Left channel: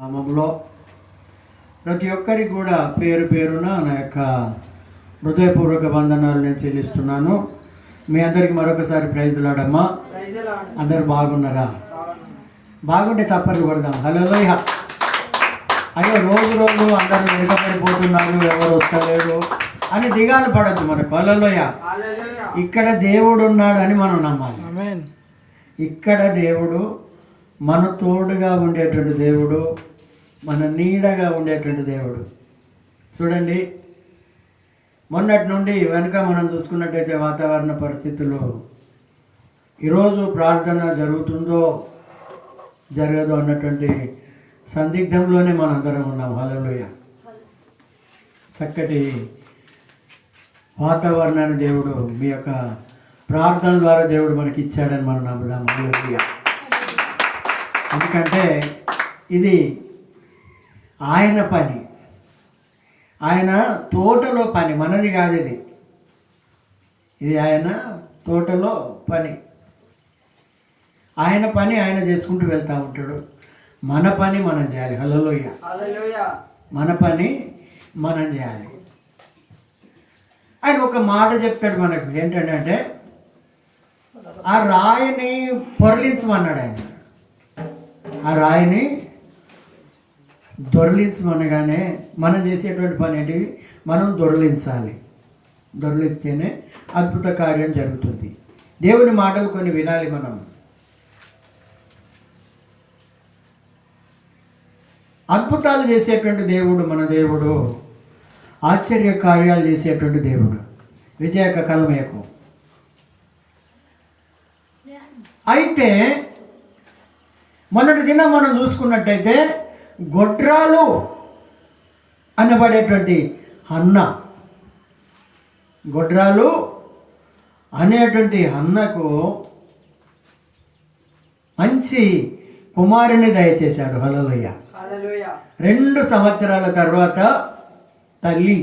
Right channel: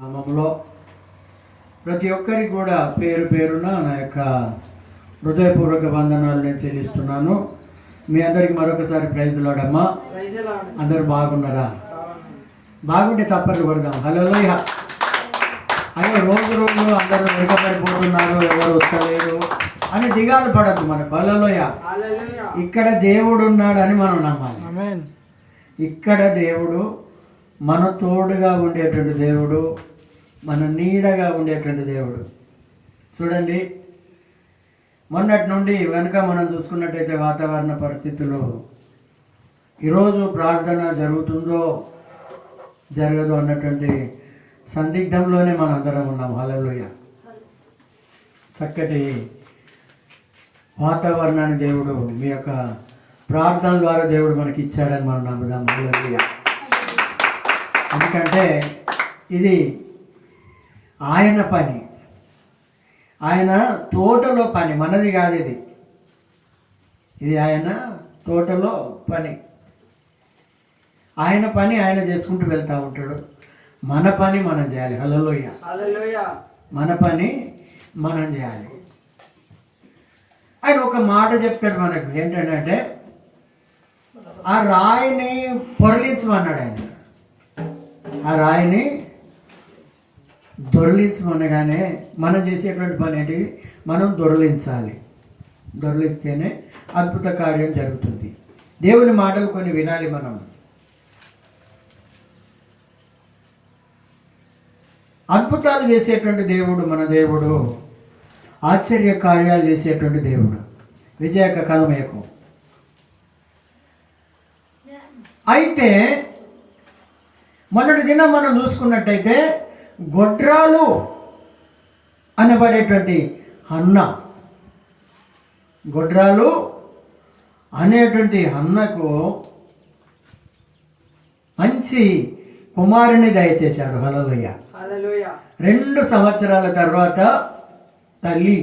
నామములో ప్రతి ఒక్కరికి కూడా పేరు పేరున నా యొక్క హృదయపూర్వక వందనాలు నేను చెల్లిస్తున్నాను. మీ అందరికి మరొకసారి ప్రైజ్ లాడమ్మా. అందరు బాగున్నారా? బాగుంటే చప్పట్లు కొడదాం. హల్లెలూయా. అయ్యో రోజు రోజు అందరూ వెంటపడిపోతున్నారు, ఎవరు వస్తలేరు అని దిగాలు పడద్దు మనకు. హల్లెలూయా. ఇక్కడ దేవుడు ఉన్నాడని మనం నమ్మాలి. ఇక్కడ దేవుడు మన తోడుగా ఉండేటువంటి దేవుడు, మన నీడగా ఉండేటువంటి దేవుడు. చూడండి, మొన్నటి నుండి వెనుక మనం చూసుకున్నట్టయితే వాతావరణ పరిస్థితులు ఈరోజు ప్రార్థన జరుగుతుందో జరగదో అన్నటువంటి సందిగ్ధంలోనే మనందరం ఉన్నాం. హల్లెలూయా. చక్కటి వాతావరణాన్ని దేవుడు మీ యొక్క ప్రార్థన ద్వారా దేవుడు మనకి ఇచ్చాడని మనం నమ్ముదాం. హల్లెలూయా. ఎందుకంటే ఇది ఆయన పని, ఆయన తోటలో పని, మనది కాదు. ఇది ఆయన తోటలో పని. ఆయన పని ఆయన చేసుకుంటూ వెళ్తూ ఉంటాడు. మన పని మనం చేయాలి. హల్లెలూయా. మన పని మనం చేయాలి. ఆయన ఒక మాట చెప్తాడు మనకు, ఏంటంటే ఆ రాయిని పొరలించమన్నాడు. ఆయన ఆ రాయిని దొరలించమనగానే మనం చేసేటువంటి పని ఏంటి? మనం దొరలించాలి. దొరలిస్తేనే అద్భుత కార్యం జరుగుతుంది. దేవుని మాటలు కొన్ని వినాలి మనం. అద్భుతాలు చేసేటువంటి దేవుడు మన దేవుడు, ఆశ్చర్య కార్యాలు చేసేటువంటి దేవుడు. విజయక కలమయకు. అయితే మొన్నటి దినం మనం చూసుకున్నట్టయితే గొడ్రాలు అనబడేటువంటి హన్న, గొడ్రాలు అనేటువంటి హన్నకు మంచి కుమారుని దయచేశాడు. హల్లెలూయా. 2 సంవత్సరాల తర్వాత తల్లి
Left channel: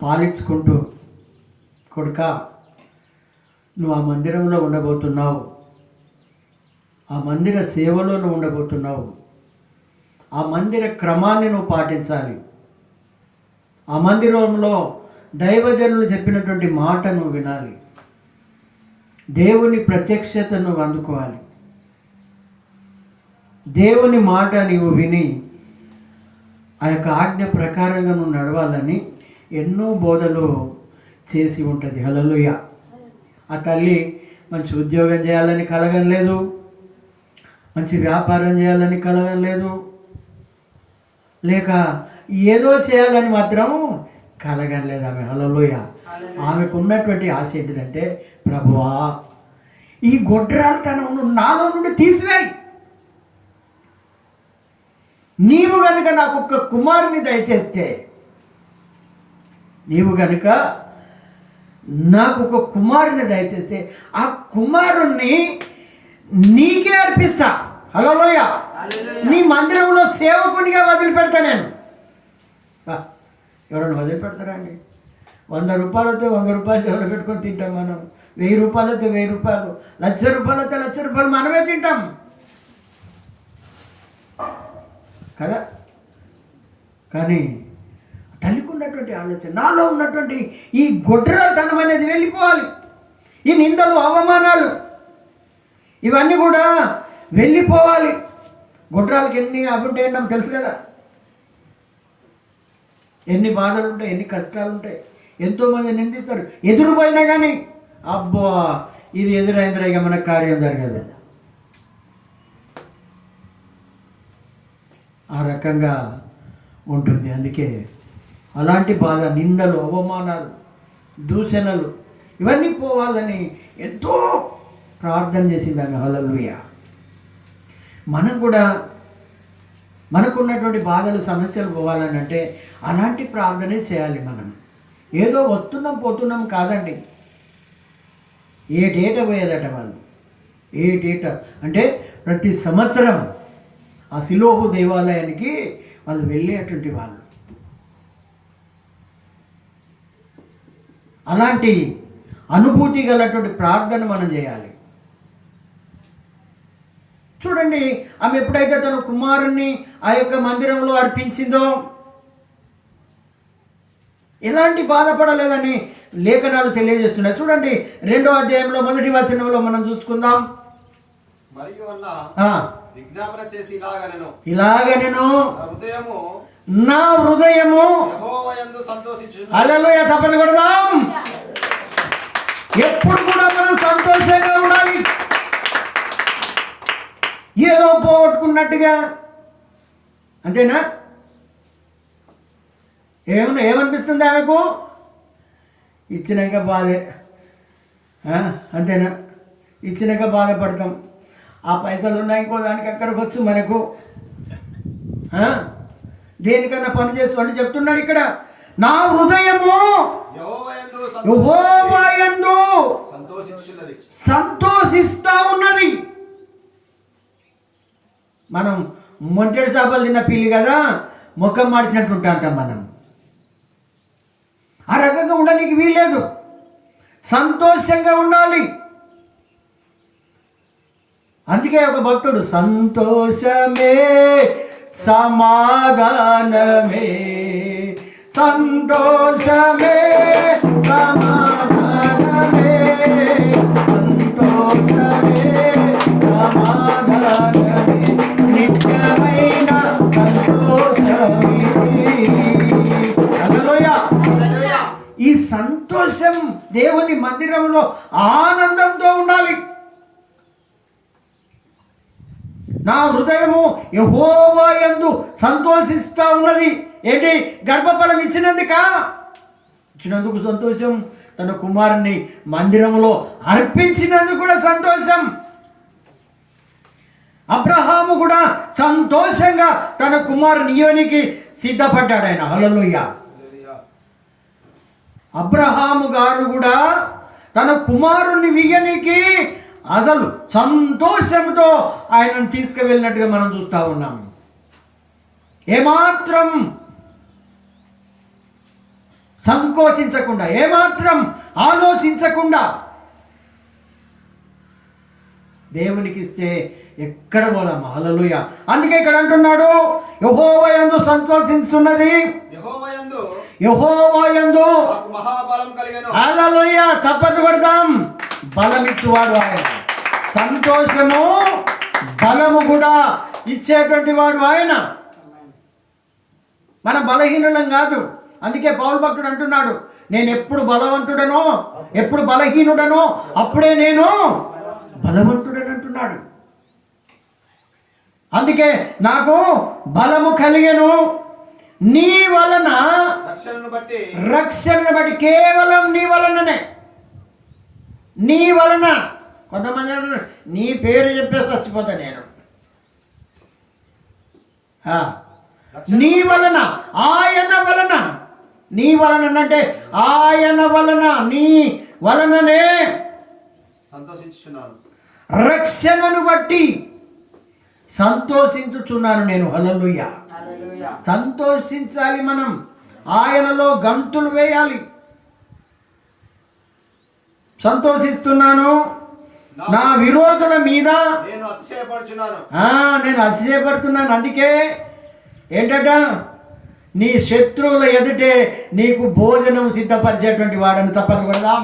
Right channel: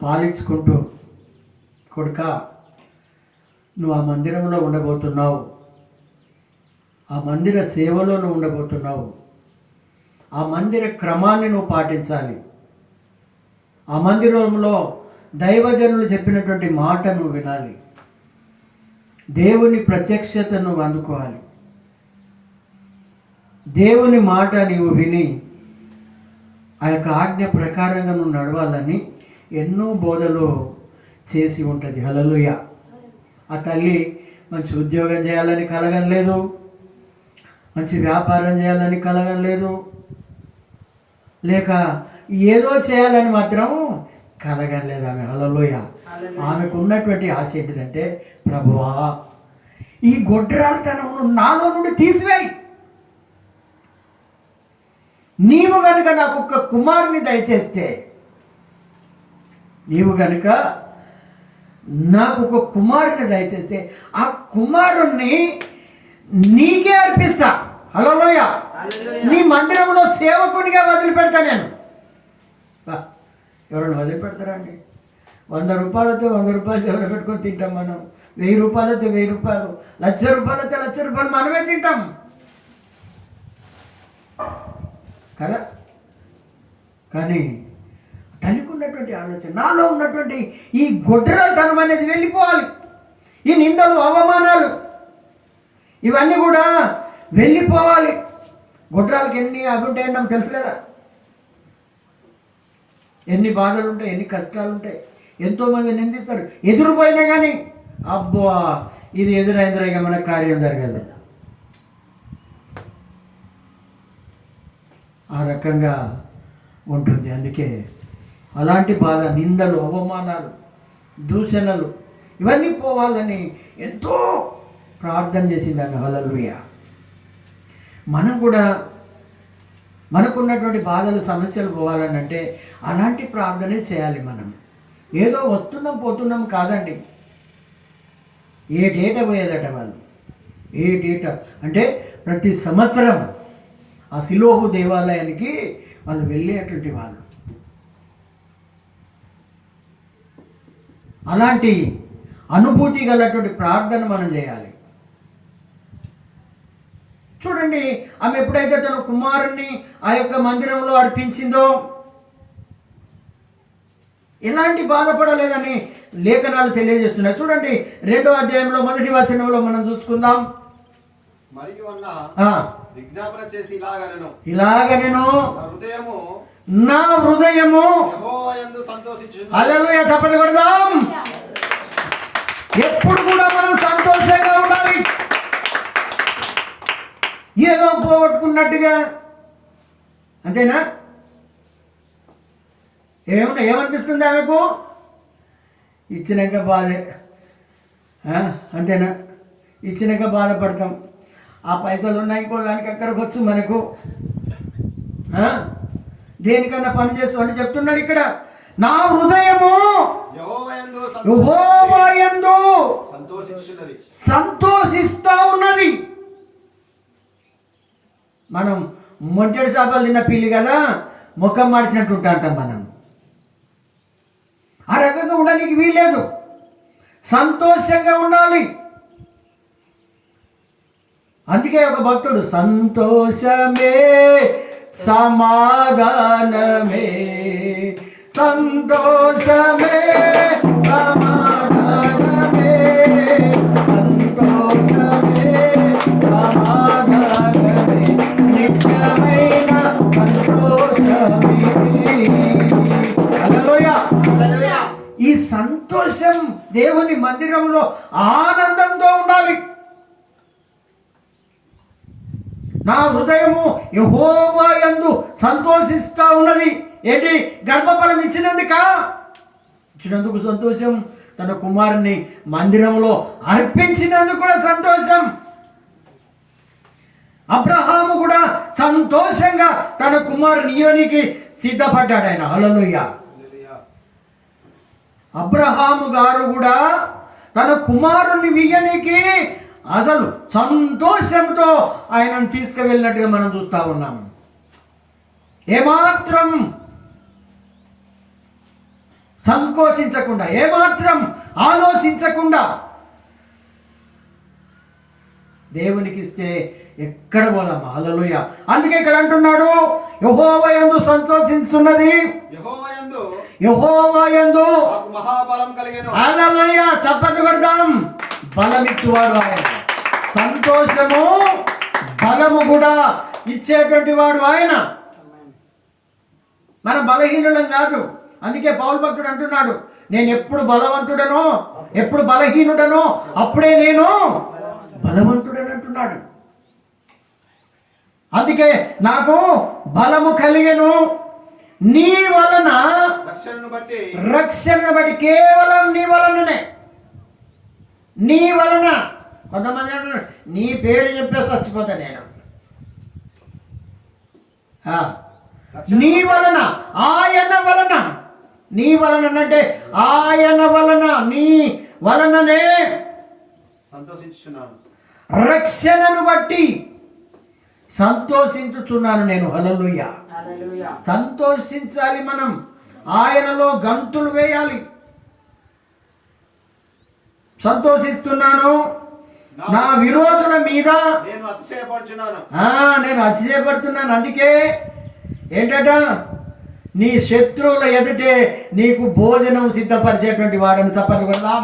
పాలించుకుంటూ, కొడుక నువ్వు ఆ మందిరంలో ఉండబోతున్నావు, ఆ మందిర సేవలో నువ్వు ఉండబోతున్నావు, ఆ మందిర క్రమాన్ని నువ్వు పాటించాలి, ఆ మందిరంలో దైవజనులు చెప్పినటువంటి మాట నువ్వు వినాలి, దేవుని ప్రత్యక్షత నువ్వు అందుకోవాలి, దేవుని మాట నీవు విని ఆ యొక్క ఆజ్ఞ ప్రకారంగా నువ్వు నడవాలని ఎన్నో బోధలు చేసి ఉంటుంది. హల్లెలూయా. ఆ తల్లి మంచి ఉద్యోగం చేయాలని కలగలేదు, మంచి వ్యాపారం చేయాలని కలగలేదు, లేక ఏదో చేయాలని మాత్రం కలగలేదు ఆమె. హల్లెలూయా. ఆమెకు ఉన్నటువంటి ఆశ ఏంటిదంటే, ప్రభువా ఈ గొడ్రాలతనం నాలో నుండి తీసివేయి, నీవు గనుక నాకు ఒక్క కుమారుని దయచేస్తే, నీవు గనుక నాకు ఒక కుమారుని దయచేస్తే ఆ కుమారుణ్ణి నీకే అర్పిస్తా. హల్లెలూయా. నీ మందిరంలో సేవకునిగా వదిలిపెడతా నేను. ఎవరైనా వదిలిపెడతారా అండి? 100 రూపాయలతో 100 రూపాయలు ఎవరు పెట్టుకొని తింటాం మనం. 1000 రూపాయలతో 1000 రూపాయలు, 1,00,000 రూపాయలతో 1,00,000 రూపాయలు మనమే తింటాం కదా. కానీ తల్లికి ఉన్నటువంటి ఆలోచన, నాలో ఉన్నటువంటి ఈ గొడ్రాలతనం అనేది వెళ్ళిపోవాలి, ఈ నిందలు అవమానాలు ఇవన్నీ కూడా వెళ్ళిపోవాలి. గొడ్రాలకి ఎన్ని అభివృద్ధి ఏంటో తెలుసు కదా, ఎన్ని బాధలు ఉంటాయి, ఎన్ని కష్టాలు ఉంటాయి. ఎంతోమంది నిందిస్తారు, ఎదురుపోయినా కానీ అబ్బో ఇది ఎదురైందిరా ఇక మనకు కార్యం జరగదు. ఆ రకంగా ఉంటుంది. అందుకే అలాంటి బాధ, నిందలు, అవమానాలు, దూషణలు ఇవన్నీ పోవాలని ఎంతో ప్రార్థన చేసింది ఆమె. హల్లెలూయా. మనం కూడా మనకున్నటువంటి బాధలు, సమస్యలు పోవాలని అంటే అలాంటి ప్రార్థనే చేయాలి. మనం ఏదో వస్తున్నాం పోతున్నాం కాదండి. ఏటేట పోయేదట వాళ్ళు. ఏటేట అంటే ప్రతి సంవత్సరం ఆ సిలోహు దేవాలయానికి వాళ్ళు వెళ్ళేటువంటి వాళ్ళు. అలాంటి అనుభూతి గలటువంటి ప్రార్థన మనం చేయాలి. చూడండి, ఆమె ఎప్పుడైతే తన కుమారుణ్ణి ఆ యొక్క మందిరంలో అర్పించిందో ఎలాంటి బాధపడలేదని లేఖనాలు తెలియజేస్తున్నాయి. చూడండి 2వ అధ్యాయంలో 1వ వచనంలో మనం చూసుకుందాం. మరియు విజ్ఞాపన చేసి ఇలాగనెను నా హృదయము యెహోవాయందు సంతోషించును. హల్లెలూయా, చప్పట్లు కొడదాం. ఎప్పుడు కూడా మనం సంతోషంగా ఉండాలి. ఏదో పోగొట్టుకున్నట్టుగా, అంతేనా? ఏమనిపిస్తుంది ఆమెకు? ఇచ్చినాక బాధే, అంతేనా? ఇచ్చినాక బాధపడతాం. ఆ పైసలు ఉన్నాయి ఇంకో దానికి అక్కడికి వచ్చు మనకు. దేనికన్నా పని చేసుకోండి చెప్తున్నాడు ఇక్కడ. నా హృదయము యెహోవాయందు సంతోషిస్తా ఉన్నది. మనం మొంటెడు చేపలు తిన్న పిల్లి కదా, ముఖం మార్చినట్టు ఉంటాం మనం. ఆ రకంగా ఉండడానికి వీల్లేదు. సంతోషంగా ఉండాలి. అందుకే ఒక భక్తుడు సంతోషమే సమాధానమే, సంతోషమే సమాధానమే, సంతోషమే సమాధానమే, నిత్యమైన సంతోషమిది. హల్లెలూయా. ఈ సంతోషం దేవుని మందిరంలో ఆనందంతో ఉండాలి. నా హృదయము యెహోవాయందు సంతోషిస్తా ఉన్నది. ఏంటి? గర్భఫలం ఇచ్చినందుకు సంతోషం. తన కుమారుని మందిరంలో అర్పించినందుకు కూడా సంతోషం. అబ్రహాము కూడా సంతోషంగా తన కుమారుని ఇయ్యడానికి సిద్ధపడ్డాడు ఆయన. హల్లెలూయా. అబ్రహాము గారు కూడా తన కుమారుని ఇయ్యనికి అసలు సంతోషంతో ఆయనను తీసుకువెళ్ళినట్టుగా మనం చూస్తూ ఉన్నాము. ఏమాత్రం సంకోచించకుండా, ఏమాత్రం ఆలోచించకుండా దేవునికి ఇస్తే ఎక్కడ పోదామా? హల్లెలూయా. అందుకే ఇక్కడ అంటున్నాడు, యెహోవాయందు సంతోషిస్తున్నది, యెహోవాయందు మహాబలం కలిగెను. హల్లెలూయా. చప్పట్లు కొడదాం. బలమిచ్చువాడు ఆయన. సంతోషము బలము కూడా ఇచ్చేటువంటి వాడు ఆయన. మన బలహీనులం కాదు. అందుకే పౌలు భక్తుడు అంటున్నాడు, నేను ఎప్పుడు బలవంతుడనో, ఎప్పుడు బలహీనుడనో అప్పుడే నేను బలవంతుడని అంటున్నాడు. అందుకే నాకు బలము కలిగెను నీ వలన, రక్షణను బట్టి, కేవలం నీ వలననే. నీ వలన. కొంతమంది అంటున్నారు నీ పేరు చెప్పేసి చచ్చిపోతా నేను. నీ వలన, ఆయన వలన. నీ వలన అంటే ఆయన వలన, నీ వలననే సంతోషించుచున్నాను, రక్షణను బట్టి సంతోషించుచున్నాను నేను. హల్లెలూయా. సంతోషించాలి మనం. ఆయనలో గంతులు వేయాలి. సంతోషిస్తున్నాను, నా విరోధుల మీద నేను అతిశయపడుతున్నాను. అందుకే ఏంటట, నీ శత్రువుల ఎదుటే నీకు భోజనం సిద్ధపరిచేటువంటి వాడని చప్పట్లు కొడదాం.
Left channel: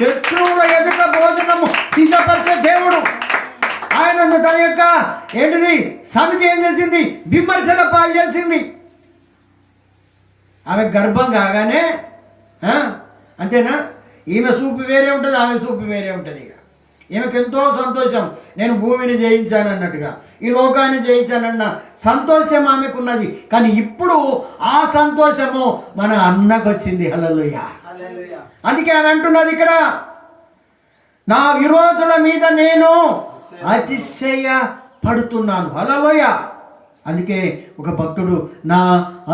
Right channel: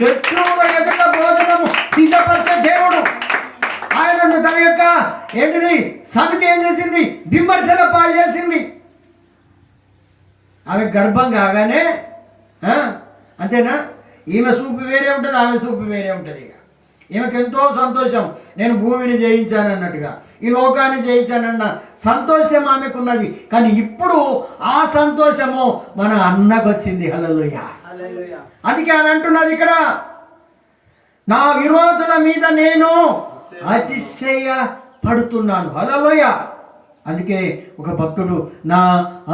శత్రువుల ఎదుట భోజనము సిద్ధపరిచే దేవుడు ఆయనను తన యొక్క ఏంటిది సమితి ఏం చేసింది? విమర్శల పాలు చేసింది. ఆమె గర్భం కాగానే అంతేనా, ఈమె చూపు వేరే ఉంటుంది, ఆమె చూపు వేరే ఉంటుంది. ఇక ఈమెకు ఎంతో సంతోషం, నేను భూమిని జయించాను అన్నట్టుగా, ఈ లోకాన్ని జయించానన్న సంతోషం ఆమెకున్నది. కానీ ఇప్పుడు ఆ సంతోషము మన అన్నకు వచ్చింది. హల్లెలూయా. అందుకే ఆమె అంటున్నది ఇక్కడ, నా విరోధుల మీద నేను అతిశయపడుతున్నాను. హల్లెలూయా. అందుకే ఒక భక్తుడు, నా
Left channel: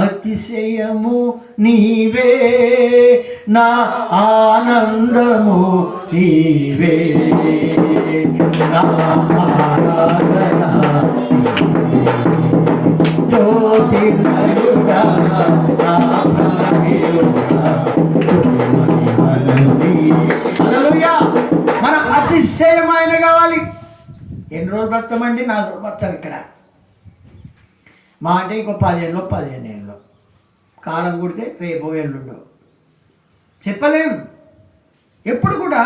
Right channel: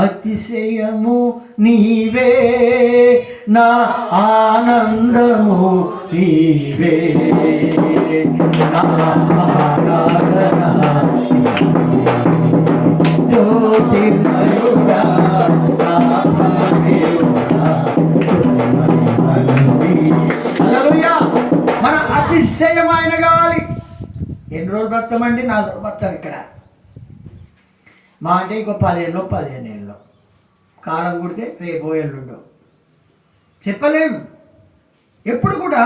అతిశయము నీవే, నా ఆనందము నీవే, నా ఆరాధన జ్యోతిర్మయుడా, హల్లెలూయా. మన అతిశయం ఆయన కావాలి. ఎన్ని రోజులు బ్రతకమండి? 4 రోజులు బ్రతకం ఇక్కడ. మా అంటే ఇంకో 15 ఏళ్ళు కాలం కుడితే రేపో ఎల్లుండో చెప్పలేం. ఎప్పుడు కూడా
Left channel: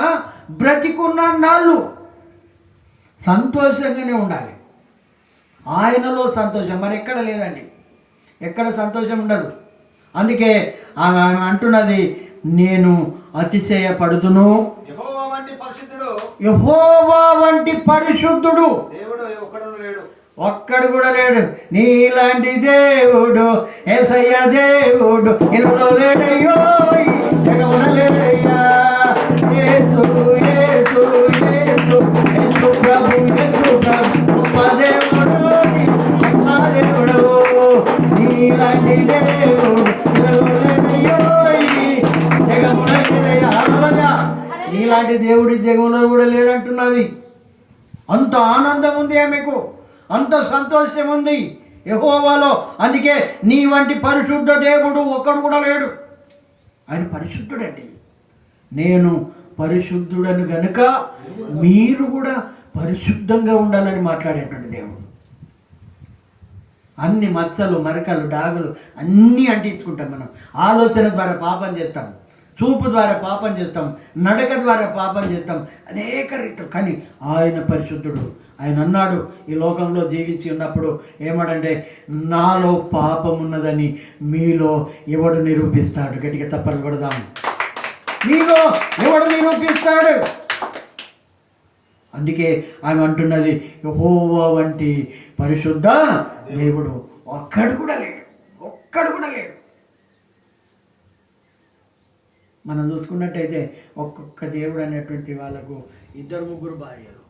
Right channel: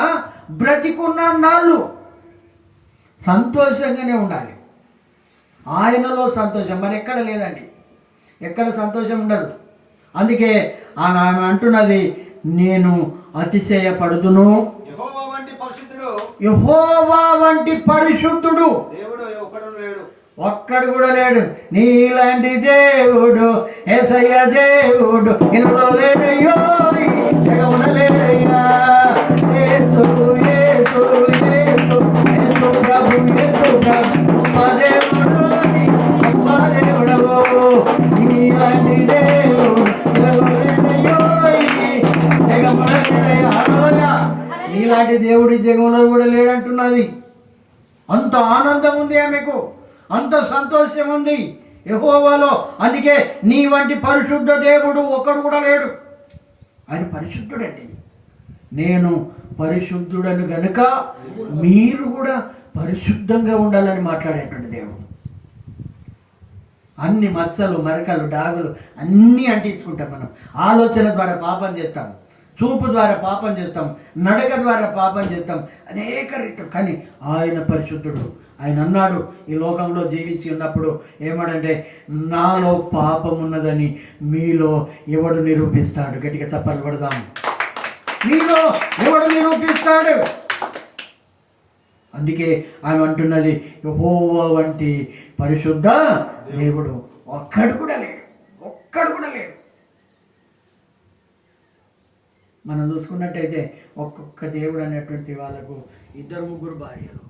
బ్రతికున్న నాళ్ళు సంతోషంగానే ఉండాలి. ఆయనలో సంతోషం మరి ఎక్కడ లేదండి, ఎక్కడ సంతోషం ఉండదు. అందుకే ఆమె అంటున్నది, నేను అతిశయపడుతును. యెహోవా వంటి పరిశుద్ధుడు, యెహోవా వంటి పరిశుద్ధుడు దేవుడు ఒక్కడు లేడు, ఒక్కడు కూడా లేడు. నీలాంటి దేవుడు యేసయ్య దేవుడు ఇల్లులో లేడయ్యో, ఈ జగమున లేడయ్యా. యేసు యేసు యేసు యేసు ప్రభు యేసు ప్రభు మా దేవుడు, మా దేవుడవు. నీలాంటి దేవుడు ఇల్లులో లేడయ్యో, ఈ జగమున లేడయ్యా. హల్లెలూయా. నీలాంటి దేవుడి జగములో కూడా లేడంటున్నది. అంత ఆనందం ఉంది ఆమెకు, అంత సంతోషం ఉంది యెహోవాలో. అందుకే నీ వంటి పరిశుద్ధ దేవుడు ఒక్కడు కూడా లేడు. ఆయన పరిశుద్ధుడండి. నేను పరిశుద్ధుడను గనుక మీరు కూడా పరిశుద్ధంగా ఉండాలని మాట్లాడేటువంటి దేవుడు. అన్ని మచ్చలు మరకలు డాగులు అన్నీ అంటించుకుంటాం మనం. ఆలోచన ద్వారా పాపం చేస్తాం, చూపు ద్వారా పాపం చేస్తాం, నడక ద్వారా పాపం చేస్తాం, అనేక రీతులు. కానీ ఆయన పరిశుద్ధుడు. ఆయన అన్నాడు, ఈ లోకంలో జీవించి ఉన్నప్పుడు ఏమాడంటే, నాలో పాపం ఉన్నదని మీలో ఎవడు నిరూపిస్తాడు? గట్టిగా చప్పట్లు కొడదాం. మీలో ఎవడు నిరూపిస్తాడు? అందుకే ఆమె అంటున్నది, యెహోవా వంటి పరిశుద్ధ దేవుడు ఒక్కడు కూడా లేడు, ఒక్కడు కూడా లేడు. మనం చూసుకున్నట్టయితే ఒక్కొక్క దేవుడు అనేటువంటి వాళ్ళకు 2-3 భార్యలు,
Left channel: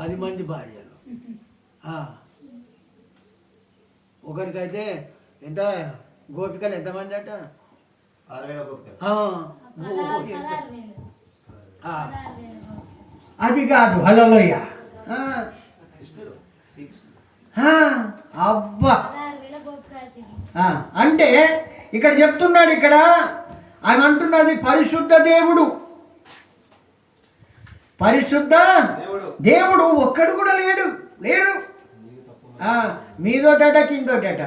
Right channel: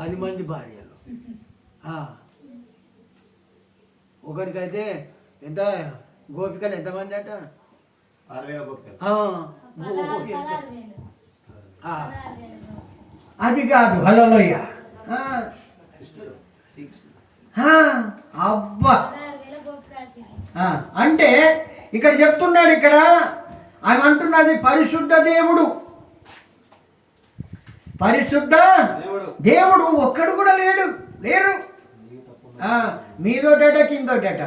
10 మంది భార్యలు. ఒకరికైతే ఎంత గోపికలు ఎంతమంది అట? 60 అది కాదు. హల్లెలూయా. అబ్బా. అంటే ఇక్కడ చెప్తున్నాడు, ఇక్కడ ఆమె అంటున్నది పరిశుద్ధ దేవుడు, పరిశుద్ధ దేవుడు ఒక్కడు కూడా లేడు. మీదోటట కిందోటట,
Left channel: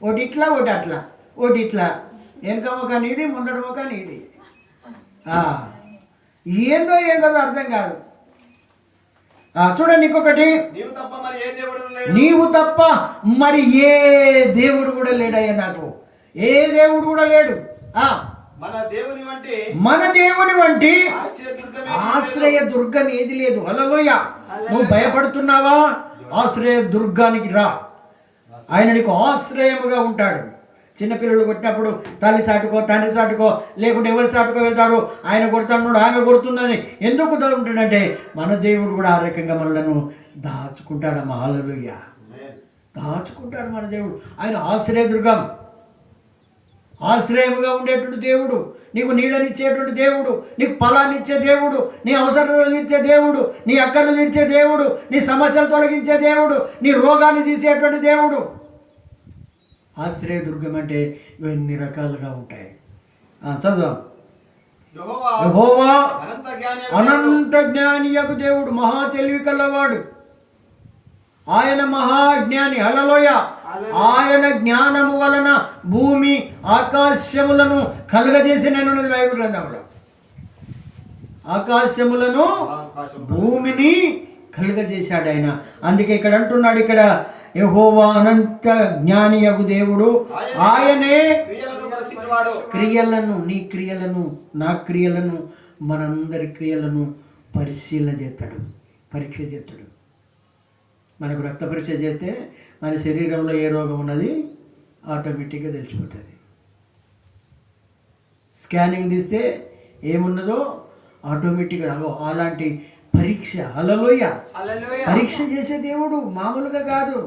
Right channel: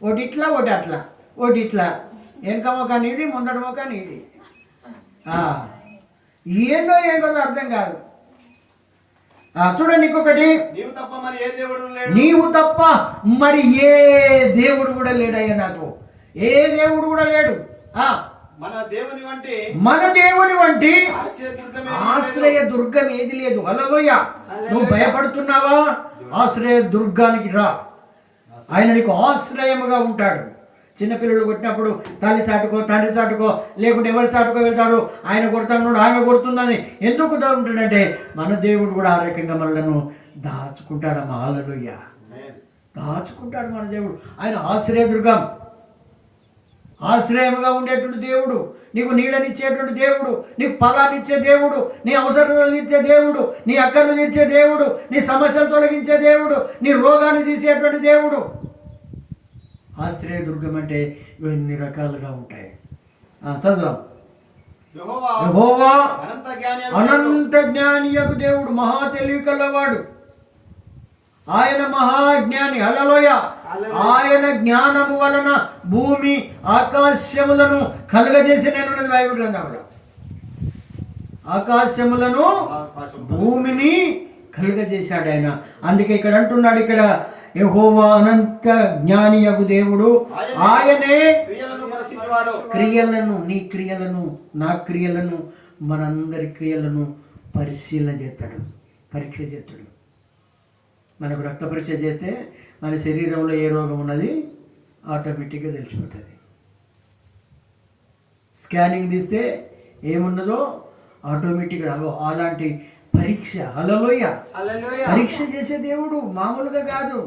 ఒకటి ఇట్లా ఒకటి అట్లా, ఒకటి ఇట్లా, వెనక మొక్క నీది ముందట మొక్క నీది. ఏందో అర్థం కాదు. చూడండి ఇంకొకటి, నీవు తప్ప మరి ఏ దేవుడు కూడా లేడయ్యా నాకు, ఏ దేవుడు కూడా లేడు. మన దేవుని వంటి ఆశ్రయ దుర్గం ఏది లేదు. హల్లెలూయా. నువ్వు భయపడుతున్నావా? ఆశ్రయ దుర్గానికి రా, ఆయన నీకు ఆశ్రయముగా ఉంటాడు. చిన్నపిల్లలు కొట్టినప్పుడు తల్లి చాటుకో తండ్రి చాటుకో లేకుంటే ఎవరి చాటుకో వెళ్తాడు, ఆయన కొడుతున్నాడు ఆమె కొడుతుందని ఎందుకు ఉంటాడంటే, మన దేవుడు కూడా ఆ రకంగా మనలను దాచుకుంటాడమ్మా. హల్లెలూయా. దాచుకుంటాడు మన దేవుడు. ఆయన ఆశ్రయ దుర్గం, ఆశ్రయముగా ఉండేటువంటి దేవుడు, నీకు నీళ్ళనిచ్చేటువంటి దేవుడు, నీకు ఫలాన్నిచ్చే దేవుడు, నీ అవసరాలు ఇచ్చే దేవుడు, నీ అక్కలు తీర్చే దేవుడు, నీ సమస్యలు తొలగించే దేవుడు, నీ రోగాన్ని తీసేటువంటి దేవుడు. ఆశ్రయ దుర్గం అంటే ఇవన్నీ రకాలుగా ఉంటాయి. చదువు. యెహోవా అనంత జ్ఞానియగు దేవుడు, మహా తెలివి కలవాడు, ఆయన మహాజ్ఞాని. హల్లెలూయా. ఆయన జ్ఞానము వలన భూమి ఆకాశములను కలుగజేసి నేనున్నది బైబిల్ గ్రంథంలో. ఆకాశములను భూమిని కలుగజేశాడు ఆయన. అందుకే ఇక్కడ అంటున్నాడు, ఇక్కడ యెహోవా అనంత జ్ఞానియగు దేవుడు, ఆయనే క్రియలను, నీ క్రియలను నా క్రియలను మనందరి క్రియలను పరిశీలన చేస్తాడు, పరీక్ష చేస్తాడు. మనకు రక్త పరీక్ష చేస్తే మన శరీరంలో ఏ రోగం ఉన్నది ఆటోమేటిక్గా తెలిసిపోతుంది. స్కానింగ్ తీస్తే ఏమున్నదో ఆటోమేటిక్గా అలాంటి పరీక్ష. హల్లెలూయా. పరీక్ష చేసే దేవుడు మామూలుగా కాదు,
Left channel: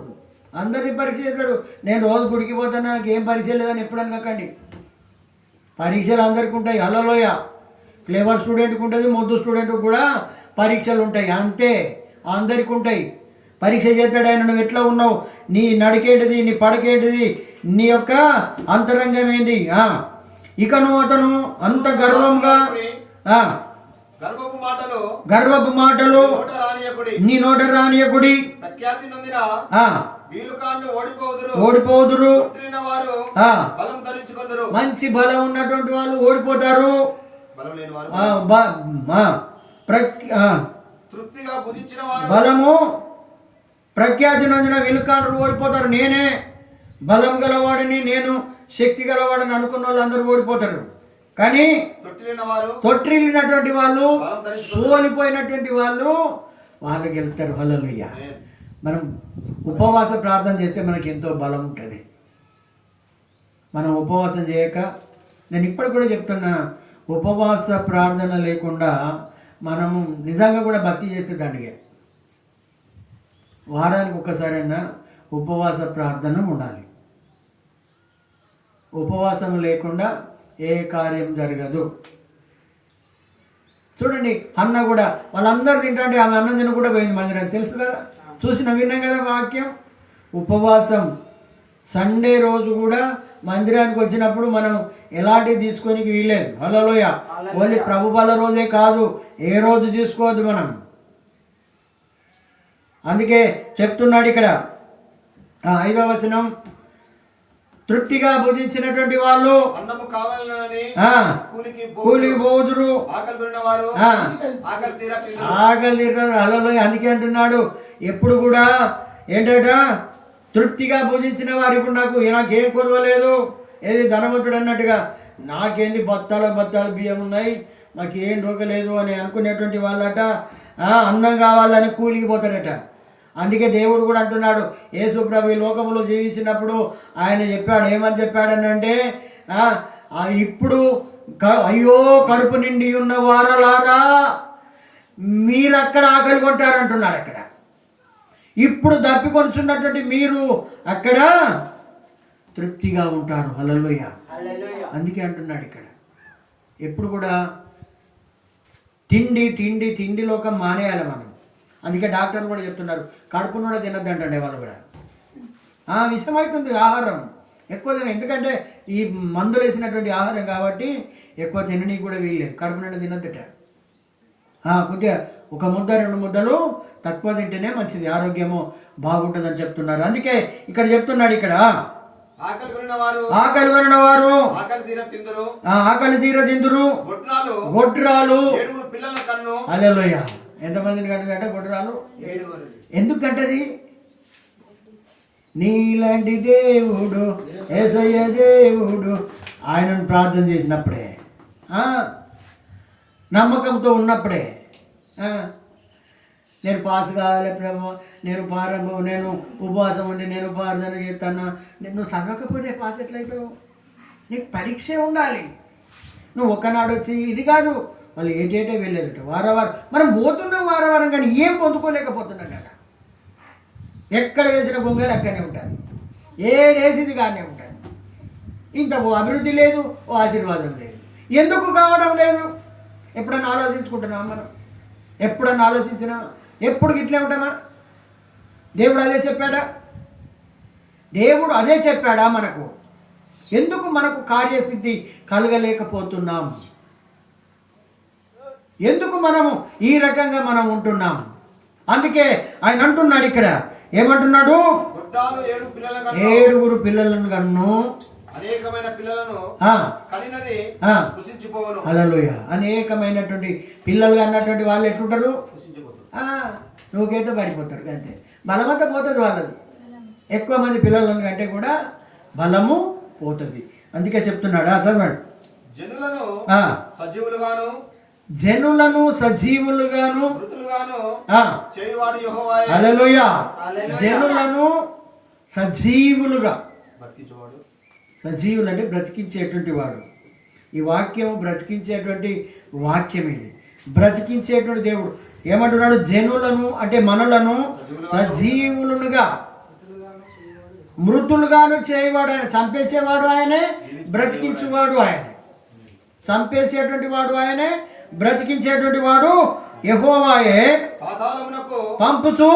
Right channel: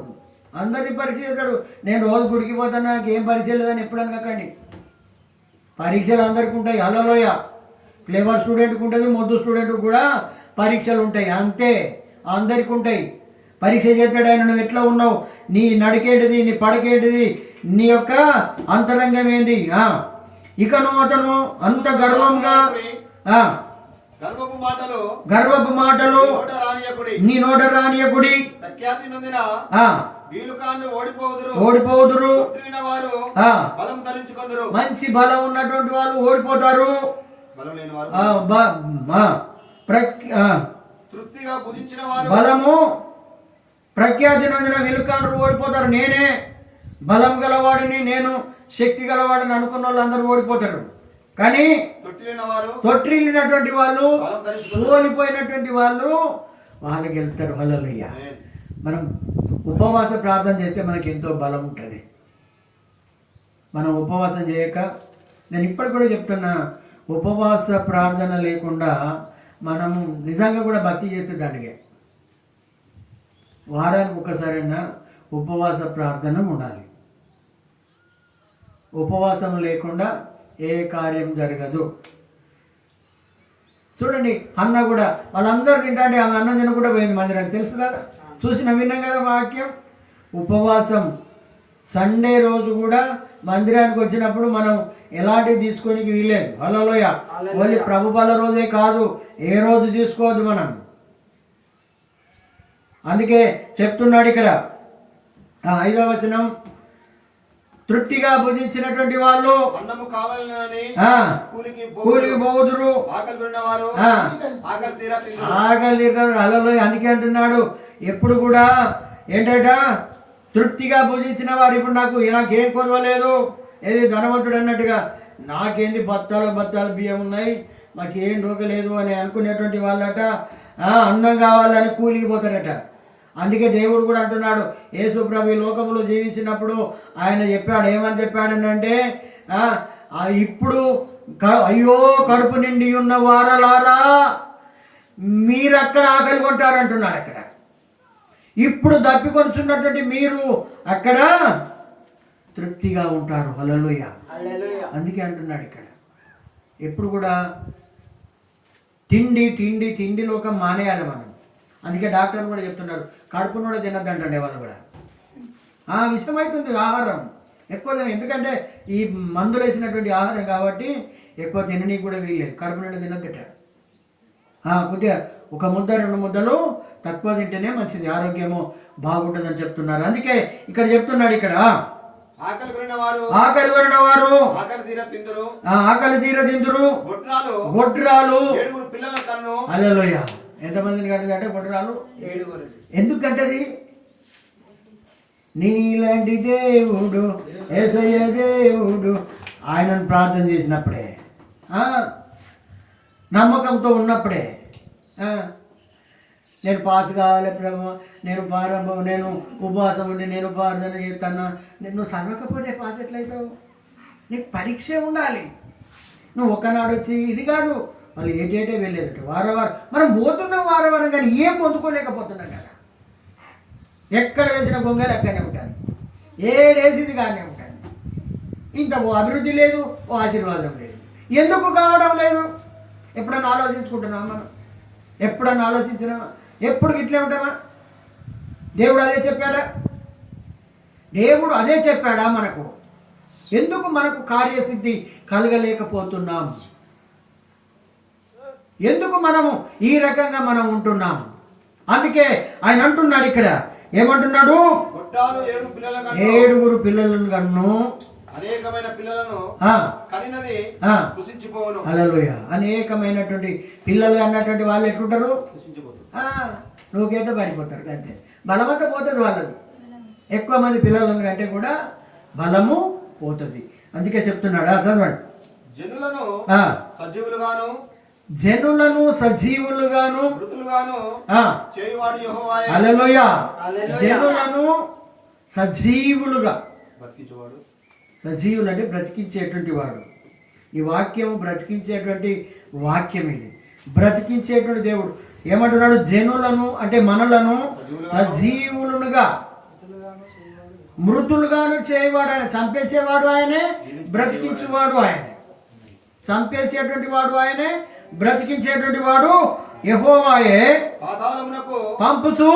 అందరినీ పరీక్ష చేస్తాడు. నేను రోజు గుడికి పోతాను, నాకు ఏం పరీక్ష లేదని ఎప్పుడు అనకండి. పరీక్షలు అందరికీ ఉంటాయి. హల్లెలూయా. క్లేవర్ స్టూడెంట్కి ఉంటుంది, మొద్దు స్టూడెంట్కి కూడా పరీక్షలు ఉంటాయి. అంతే, అందరికీ ఉంటాయి. పరీక్ష చేస్తాడు ఆయన, నువ్వు ఎట్లా ఉన్నావు, నీ నడికేటిది, నీ పడకేటిది, నీ యొక్క అంతరంగం ఏంటి. ఇకను అతను అంత గర్వంగా గర్వపు మాటలు నీ నోట రానియకుడి. ప్రఖ్యాతి నొందిన వీలుకాన్ని ఓడిపోదురు. బలం ధరించుకొందురు. మంచి బలం ఉన్నటువంటి వాళ్ళు ఓడిపోతారు. బలం లేని వారు తృప్తిగా భుజించిన వారు బలము ప్రఖ్యాతి నొందిన వీలుకాండ్రు ఓడిపోతారు. నేనే బలం గలవాడిని, నేను శక్తి గలవాడిని అనుకున్న వాళ్ళు అందరూ ఓడిపోతారు. కానీ తొట్టిల్లినటువంటి వాళ్ళు, సోలిపోయినటువంటి వాళ్ళు వాళ్ళకి వెళ్తారు. హల్లెలూయా. మనం ఉపవాస ప్రార్థన చేస్తే మనకి ఎంతో బలం ఉంటుంది. మనం ఉపవాసం చేయక, నేను ఇప్పటికి కూడా చెప్తున్నా, ఉపవాస ప్రార్థన లేకుండా మనము నిజంగా కూడా భక్తి చేస్తే దండగే. వారానికి ఒకసారైనా ఉపవాస ప్రార్థన ఉండాలి. ఉపవాసం లేకుండా ఏ కార్యం జరగదు. చూడండి, అన్న కూడా వాళ్ళందరూ తింటే ఆమె అన్నం తిన కూడా పోయింది మందిరానికి, తెలుసు కదా, విన్నాం కదా వాక్యం. ఉపవాసం సండే రోజు కూడా మందిరానికి వచ్చినప్పుడు మనం ఎలాంటివి తీసుకోనికి వీలేదు. హల్లెలూయా. ఓన్లీ ప్రభు బల రోజే కాదు, ఏ రోజు తీసుకోవద్దు మనం. అందుకే చెప్తున్నాడు ఇక్కడ 5వ వచనం, తృప్తిగా భుజించినటువంటి వాళ్ళు కూలికి పోదురు, ఆకలి తీరారు. హల్లెలూయా. అందుకే అంటున్నాడు ఎప్పుడు కూడా ఏంటట, తృప్తిగా భుజించిన వారు. ఇప్పుడు నాకేం కొరవలేదు, ఏది ధనవంతుడు అన్నట్టుగా, నాకేంది బత్తాలు బియ్యం ఉన్నాయి, మాకేం రోగలేదు అని అనుకునేటువంటి వాళ్ళట అన్నం కావాలని కూలికి పోతారట. అందుకే దేవుడు కూడా అంటున్నాడు, యేసు ప్రభు ఈ లోకంలో జీవించినప్పుడు ఆయన చెప్పాడు, ఏమని చెప్పాడనంటే, ఇప్పుడు అయ్యో కడుపు నిండి ఉన్న వారలారా మీరు అక్కడ ఆకలి కొంటారంటున్నాడు. అక్కడ ఇప్పుడు దప్పికొంచున్నటువంటి మీరు అక్కడ తృప్తిగా ఉంటారు. హల్లెలూయా. అందుకే అంటున్నాడు ఇక్కడ ఎప్పుడు కూడా తిండి లోకం మానేయాలి మనం. అందుకే డాక్టర్లు కూడా చెప్తున్నారు, కడుపును కూడా తినద్దంటే వాళ్ళు కూడా. విషమవుతుంది ఆహారం ఎక్కువ తిన, ఎందుకంటే ఈ మందులు వేసినటువంటి ఆహారం కాబట్టి ఎక్కువ తిననీకి కూడా వీల్లేదు. కడుపు నిండా తినద్దట. కొద్దిగా 1 ముద్ద 2 ముద్దలు తక్కువ తింటేనే మంచిది, ఆరోగ్యము బాగుంటుందని చెప్తున్నారు. అందుకే ఇక్కడ చెప్తున్నాడు, ఇక్కడ ఆకలి కొనిన వారు ఆకలి తీర తిందురు, గొడ్రాలు. హల్లెలూయా. ఎంతమందిని కట్టదంటే గొడ్రాలు 7. ఎందుకు కట్టది? నీలాంటి దేవుడు యేసయ్య దేవుడు ఆయనను ప్రార్థన చేసినప్పుడే, నమ్మకంతో ఉన్నప్పుడే. నేను పాస్ కావాలి ప్రభు, నేను ఉపవాసం ఉండి నేను ప్రార్థన చేస్తాను. నువ్వు చదవకపోతే పాస్ ఎట్లయితావు? నీకు పరీక్ష ఉండాలి. నువ్వు ఒక్కనాడు వచ్చి ఇది కాదు, వాళ్ళు ఏటేటే వెళ్ళేదట. వారం మనం పోతున్నాం వారం, కానీ ఏం పొందుకోలేకపోతున్నాం కదా. ఎక్కడ వేసిన గొంగలు అక్కడనే ఉంటుంది, ఏడేసింది కానీ ఉంటుంది. ఇంత ఓ అభివృద్ధి లేదు, ఓ ఆశీర్వాదం లేదు. ఎందుకు కావడం లేదు? ఎప్పుడన్నా ఆలోచించుకుంటున్నామా మనం? ఎప్పుడన్నా ఆలోచించినా? ఎప్పుడు ఇట్లే ఉంటామా? దేవుడు అదే చెప్పాడా మనకు? ఎందుకు మనకు కార్యసిద్ధి కలగలేకపోతున్నాం? ఎందుకు మనము ఈ రకంగా మనం ఉంటున్నాం? అందుకే ఆయన అంటున్నాడు ఇక్కడ, ఏమంటున్నాడు? 7 పిల్లలను కన్ను, అనేకమైన పిల్లలను కనినది కుసించిపోవును. హల్లెలూయా. అనేకమైనటువంటి పిల్లలు అన్నటువంటి వాళ్ళు ఎట్లుంటారు? నువ్వుకైతే పడిపోతారు అంతే. బలమంతా పోతుంది వాళ్ళది. ఎక్కువ మంది పిల్లలను కంటే కూడా బలము పోతుంది. అందుకే చెప్తున్నాడు, చదవండి. జనులను సజీవులుగాను హల్లెలూయా. జనులను సజీవులుగా, సజీవులు అంటే బ్రతికించేటువంటి వాడు. ఈ వాక్యం బ్రతికించేటువంటి వాక్యం. ఇది బ్రతికించేటువంటి దేవుడు. ఏమంటున్నాడు? జనులను అంటే మనలను సజీవులుగా, మృతులుగాను చేయవాడు ఆయన. చంపేసేవాడు ఆయనే, బ్రతికించేవాడు ఆయనే. చంపేసేటువంటి వాడు ఆయనే, బ్రతికించేటువంటి వాడు యెహోవాయే. పంపుచు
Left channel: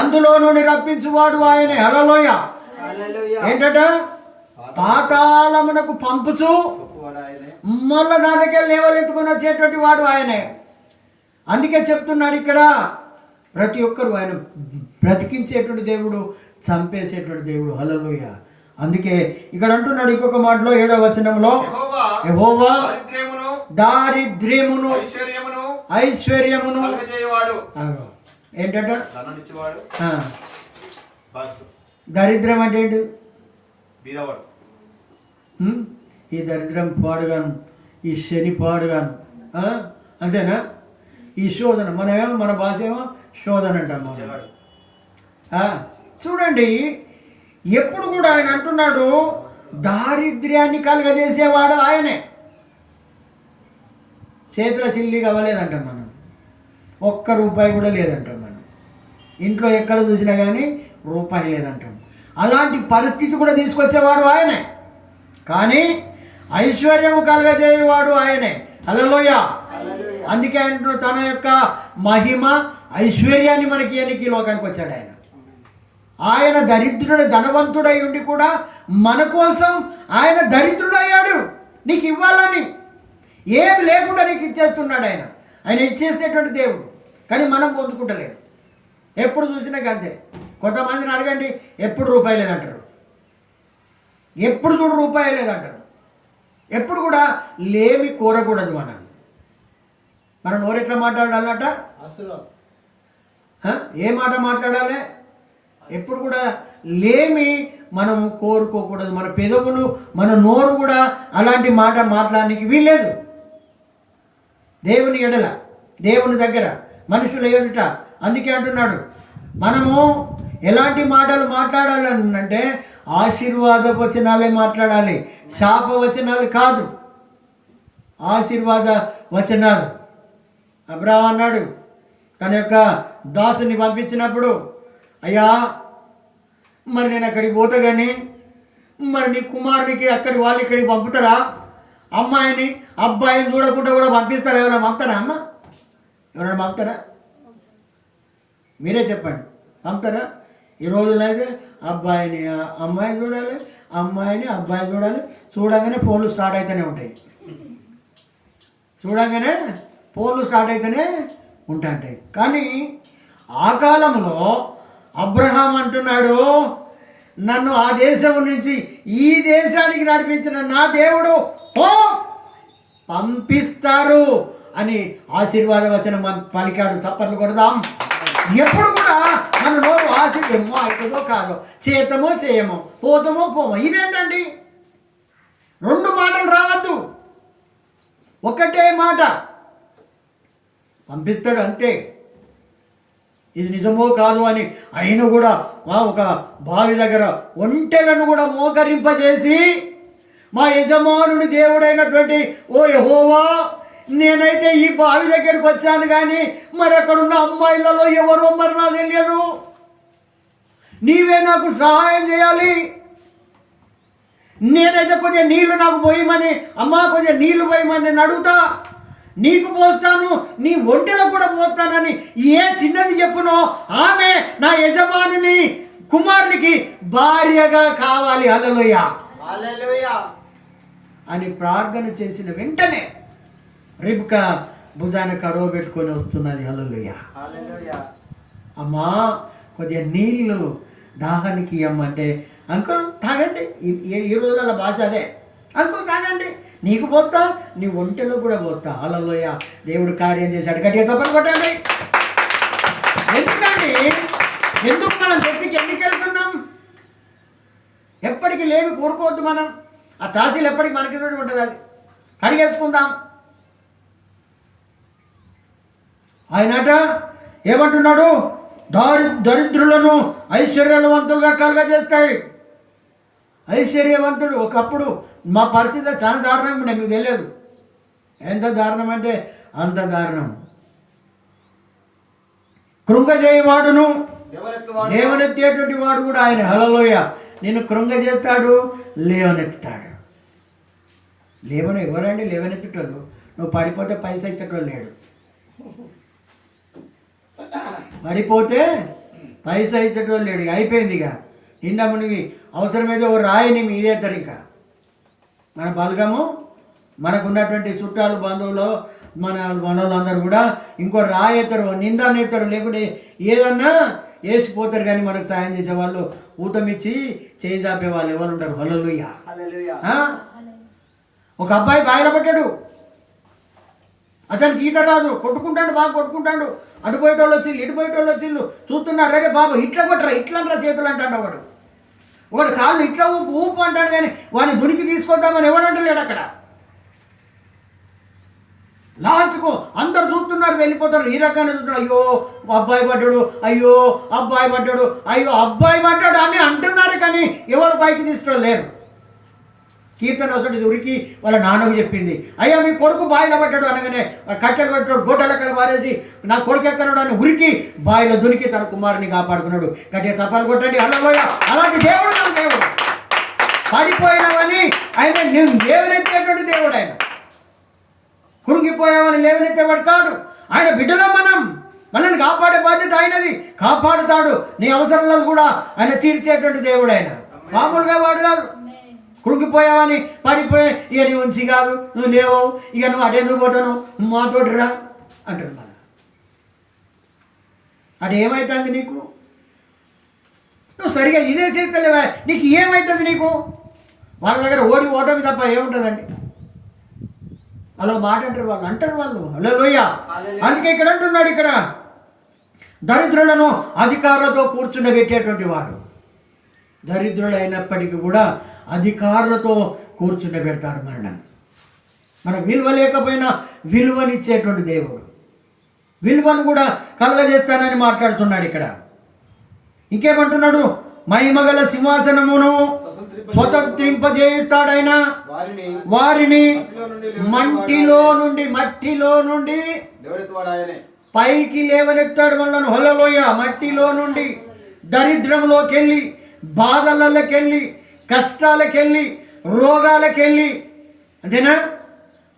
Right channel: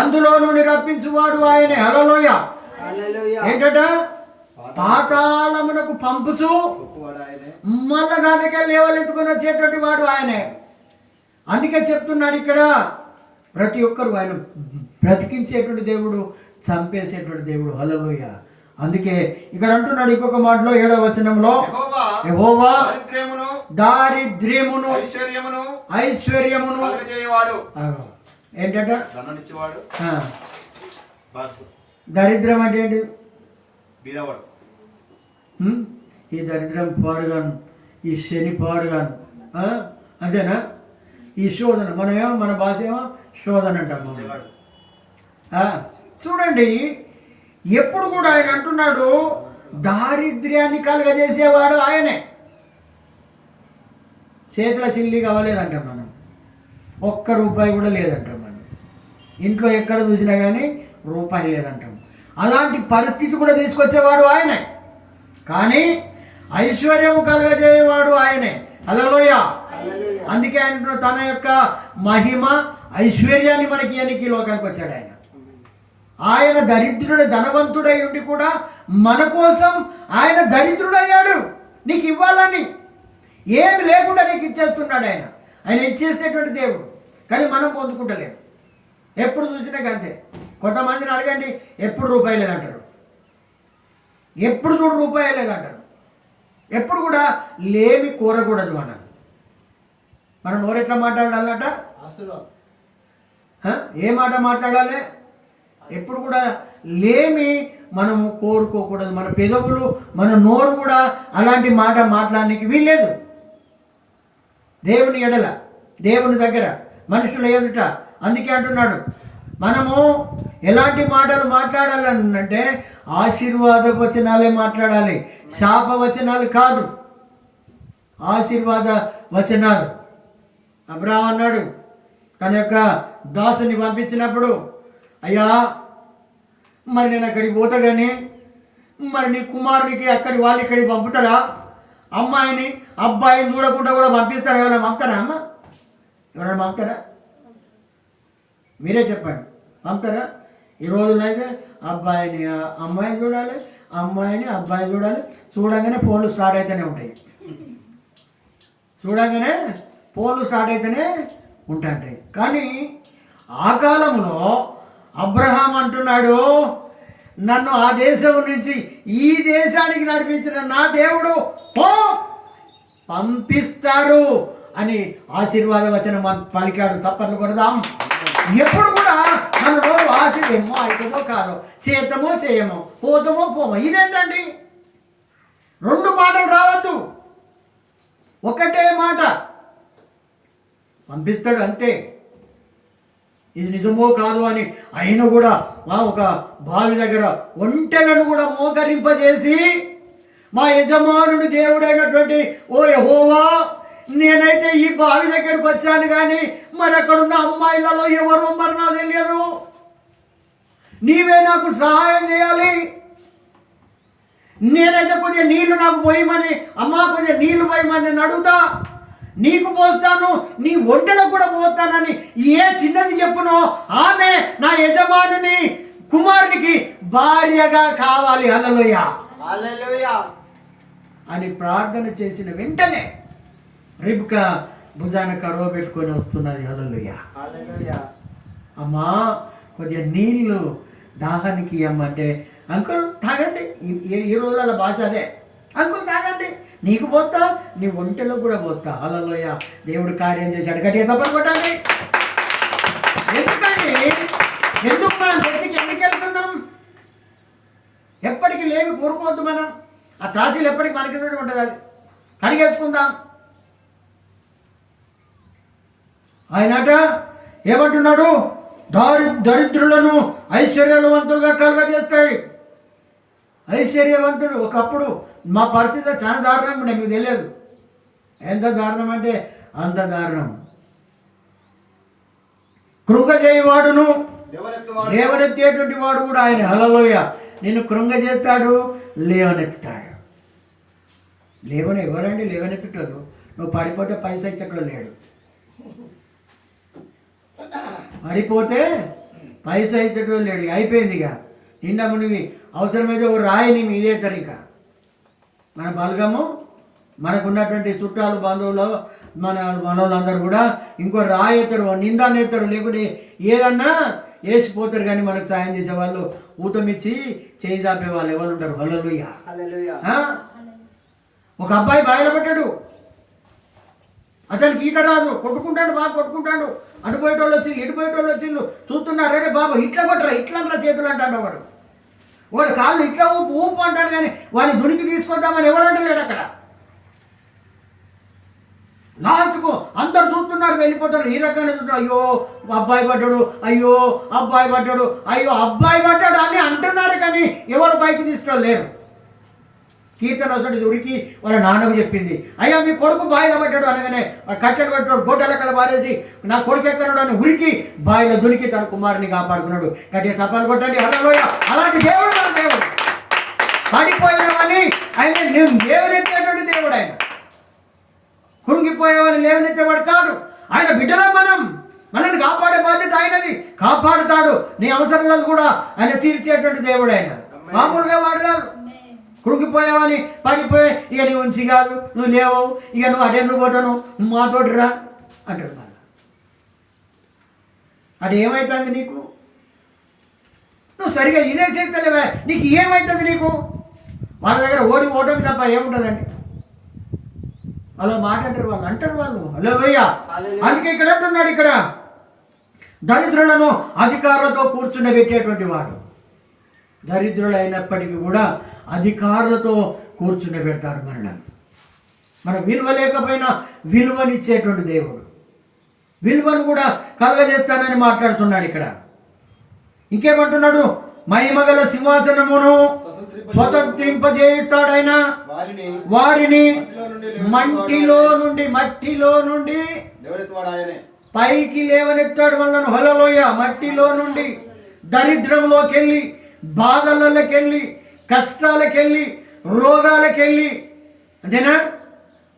అందులో నుండి రప్పించువాడు ఆయనే. హల్లెలూయా. ఏంటట? పాతాళమునకు పంపుచు గొప్పవాడు ఆయనే. మళ్ళా దానికి లేవలెత్తుకుని వచ్చేటువంటి వాడు ఆయనే. అందుకే చెప్తున్నాడు ఇక్కడ, ప్రతి ఒక్కరు ఆయన బ్రతికించేటువంటి దేవుడు, చంపేసేటువంటి దేవుడు. హల్లెలూయ. అందుకే ఇక్కడ అంటున్నాడు ఇంకొక మాటలో 7వ వచనంలో, యెహోవా దారిద్ర్యమును ఐశ్వర్యమును కలుగజేయువాడు. ఏంటంట? ధనాన్నిచ్చేవాడు. దరిద్రం అంటే ఏంటి? బీదవాడు. ఈ దరిద్రం పాడుగాను, ఈ శని పాడుగాను, అంతేనా? ఈ శోధన, మనమేమో మన భాష ఏమో శోధన అంటాం. చూడండి, ఎప్పుడు కూడా ఆయన అంటున్నాడు దారిద్ర్యాన్ని కలుగజేసేవాడు ఆయనే. చేతుల సిల్లి కావలేదంటాం మనం, ఒక్క రూపాయి కూడా లేదంటాం మనం. ఇంట్లో ఎక్కడ చూసినా కానీ రూపాయి లేదంటాం. అలాంటి పరిస్థితి కూడా తీసుకొచ్చేవాడు ఆయనే. కానీ ఐశ్వర్యము కలుగజేయవాడు ఆయనే. హల్లెలూయా. అందుకే ఆయన తన యొక్క మహిమ ఐశ్వర్యాన్ని మనకి ఈ లోకానికి వచ్చాడు. ఆయన దరిద్రుడు ధనవంతుడై ఉండి కూడా మన కోసం ఆయన దరిద్రుడయ్యాడు, నీకు ఇవ్వాలని. ఏమి లేకుండా నీకు ఇచ్చేస్తున్నాడు ఆయన. ఆయన ఇచ్చేసేటువంటి దేవుడు. కానీ మనం పొందుకుంటలేము. ఎప్పుడు చూసినా అంతే. కొంతమందిని అడగండి, ఎప్పుడు రూపాయి లేదంటారు, ఎప్పుడు చూడు రూపాయి లేదంటారు. ఎప్పుడు కూడా లేమి కోరకూడదు. మనం నోరెట్లా మాట్లాడాలట? ఏ మాట మాట్లాడాలి? ఎప్పుడు కూడా లేమి మనము కోరుకోకూడదు. మన పెదవులు, మన నోరు కూడా అలాంటి మాట మాట్లాడడానికి వీల్లేదు. దేవుని ఎడల, దేవుని దగ్గర, మనుషుల ఎదుట. అందుకే అంటున్నాడు మనము ఎలాంటి మాటలు మాట్లాడాలంటే ఆశీర్వాద వచనాలే మాట్లాడాలి, శాప వచనాలు కాదు, ఆశీర్వాద వచనాలు. అబ్రాహాము అన్నాడు తన యొక్క దాసుని పంపించినప్పుడు, అయ్యా మరి నేను అక్కడికి పోతా కానీ మరి నీ కుమారునికి అక్కడి వాళ్ళు ఇక్కడికి పంపుతారా? అమ్మాయిని అబ్బాయిని చూడకుండా కూడా పంపిస్తారా? ఎవరైనా పంపుతారా? అమ్మ ఎవరైనా పంపుతారా? మీరే చెప్పండి, పంపుతారా? ఈ రోజునైతే అబ్బాయిని అమ్మాయిని చూడాలి, అమ్మాయిని అబ్బాయి చూడాలి. చూడగానే ఫోన్లు స్టార్ట్ అయితేనే ఉంటాయి, చూడగానే ఫోన్లు స్టార్ట్ అయితేనే ఉంటాయి. కానీ ఆ కాలంలో అబ్రహాం అంటున్నాడు, నన్ను ఆ దేశం నుంచి ఈ దేశానికి నడిపించిన నా దేవుడు పంపిస్తారు అని ఆశీర్వాద వచనం పలికాడు. చప్పట్లు కొడదాం. ఎప్పుడు కూడా మన నోరు ఆశీర్వేమో అవుతుందో కాదో, చేతమో చేయమో, పోతామో పోమో. ఇదేంటండి? 2 మాటలు రావద్దు, ఒకటే మాట. పంపిస్తాడు అంతే. ఇది నిజమో కాదు అని ఆయన కూడా ఒక బావి దగ్గర ఒంటెలను కూడా మోకరింపజేసి, మా యజమానుని దేవుడైనటువంటి ఓ యెహోవా, నేనైతే ఈ బావి దగ్గరకు వచ్చాను కానీ మరి అక్కడున్న అమ్మాయిలలో ఎవరో మరి నాకు తెలియదు, నీవే నాకు సహాయం చేయాలి. నేనైతే కొద్దిగా నీళ్లు నాకు పోయమని, అమ్మా కొద్దిగా నీళ్లు పోయమని నేను అడుగుతా, నీకు పోస్తాను, నీ ఒంటెలకు కూడా పోస్తానని ఏ చిన్నది చెప్పునో ఆమె నా యజమానిని కుమారునికి భార్యగా కావాలి. హల్లెలూయా హల్లెలూయా అని ప్రార్థన చేసిన వెంటనే రిబ్కా భుజాన కడవ పెట్టుకొని వస్తున్నది. హల్లెలూయా హల్లెలూయా. అమ్మా కొద్దిగా నీళ్ళు దాహానికి ఇవ్వమంటే, అంకుల్ తాగండి. ఈ రోజుల భాష అదే, అంకుల్ తాగండి, నీకు పోతా, నీ ఒంటెలో కూడా పోతా. హల్లెలూయా. దేవుడు కార్యం చేశాడు. గట్టిగా తప్పని కొట్టండి. ఎందుకండి? ఎందుకు మనం చర్చికి ఎందుకు వెళ్తున్నాం? ఎప్పటికీ లేవి కోరుకోవద్దు. మనం ఆ తాసీలు ఎప్పటికీ మనకి ఉంటుంది, అది కడిగేసుకుందాం. ఆయనట ఏమంటున్నాడు? దరిద్రులను ఐశ్వర్యవంతులుగా కలుగజేస్తాడు. ఐశ్వర్యవంతుడు. ఒకప్పుడు మా పరిస్థితి చాలా దారుణం ఉండే, మీకు తెలియదు. ఎంత దారుణం అంటే అంత దారుణం. కృంగజేయవాడును లేవనెత్తేటువంటి వాడు కూడా ఆయన. హల్లెలూయా. నిన్ను కృంగజేస్తాడు, లేవనెత్తుతాడు. ఎవరండి లేవనెత్తుతాడు? నువ్వు పడిపోతే పైసా ఇచ్చేటోడు లేడు, పడిపోతే పైసా ఇచ్చేటోడు లేడు. అయిపోయింది. ఇక నిండా మునిగి అవసరమైతే ఒక రాయిని మీదేస్తారు. ఇంకా మన బలగము మనకున్నటువంటి చుట్టాలు బంధువులు మనోళ్ళందరూ కూడా ఇంకో రాయి ఎత్తారు, నిందాన్ని ఎత్తారు, లేకుంటే ఏదన్నా వేసిపోతారు. కానీ మనకు సాయం చేసే వాళ్ళు ఊతమిచ్చి చేయి చాపే వాళ్ళు ఎవరు ఉంటారు? హల్లెలూయా. ఒక అబ్బాయి బాయిలో పట్టాడు, అతనికి ఈత రాదు, కొట్టుకుంటాడు, బాగా కొట్టుకుంటాడు. అటు పోయేటోళ్ళు వచ్చిండు, ఇటు పోయేటోళ్ళు వచ్చిండు, చూస్తున్నారు. అరే బాబు ఇట్లా కొట్టరా, ఇట్లా చేతులు అంటాడు. ఒకడు కాళ్ళు ఇట్లా ఊపు ఊపు అంటాడు, కానీ వాడిని దునికి తీసుకొద్దామని ఎవడంటలేడు అక్కడ. లాస్ట్కు అందరు చూస్తున్నారు, వెళ్ళిపోతారు. ఈ రకంగా చూస్తున్నారు. అయ్యో అబ్బాయి పడ్డాడు, అయ్యో అబ్బాయి పడ్డాడు, అయ్యో అబ్బాయి పడ్డాడు అని అంటున్నారు, కానీ ఎవరు పైకి తీసుకోలేరు. కీర్తన ఒకటి ఉరికి వాళ్ళ నాన్నకు చెప్పింది, అయ్యా మీ కొడుకు బాయిలో పడ్డాడు అనగానే కట్టెలు పట్టాడు, గొడ్డలు అక్కడ పారేసి నా కొడుకు ఎక్కడాడు అని ఉరికి బాయిలో దునికి తన కుమారుని కాపాడుకున్నాడు. గట్టిగా చప్పాలు కొట్టండి. హల్లెలూయా. అలాంటి దేవుడు మన దేవుడు. పడిపోయినావని ఆయన నువ్వు లేవనెత్తేటువంటి దేవుడు. ఆయన కృంగిపోయావని లేవనెత్తేవాడు కాదు. ఆయన బిడ్డలం మనల్ని కాపాడే బాధ్యత ఆయనది. కాపాడుతాడు. నీ అవసరాలు కూడా ఆయన తీర్చేటువంటి దేవుడు. ఆయన మామూలుగా వాడు కాదు. కృంగిపోయావని పడిపోయి ఇక నీ ఉంచి కాదు, నువ్వు లేవు, ఇక నువ్వు అటెందుకు పోతాను, మాతోటి రా అంటారు. మళ్ళీ అది ఏమవుతుంది నీకు? నువ్వు సరిగా ఇదే చేస్తలేవా, నీకు ఏమవుతుంది? నీకు వాళ్ళ దగ్గర ఓటమి తప్ప ఏముంటుందండి? అలా మాట అంటారు వాళ్ళు. హల్లెలూయా. అందుకే ఇక్కడ అంటున్నాడు, ఇక్కడ దరిద్రులను అధికారులతో కూర్చుండబెట్టేటువంటి వాడు. దరిద్రులైనప్పటికీ కూడా అధికారులతో కూర్చుండబెడతాడు. మన విలువ లేకపోయినా విలువనిచ్చేటువంటి దేవుడు. విలువను కూడా కలగజేస్తానని మాట్లాడుతున్నాడు ఇక్కడ. ఇంకేమంటున్నాడు? మహిమగల సింహాసనమును స్వతంత్రింపజేస్తాడైనా వారిని మట్టిలో నుండి పైకి లేవనెత్తాడు మనలను. హల్లెలూయా. మట్టిలో నుండి, దరిద్రంలోకి వెళ్ళి, బాధలకెళ్ళి, కష్టాలకెళ్ళి, రోగాలకెళ్ళి, అంతేనా?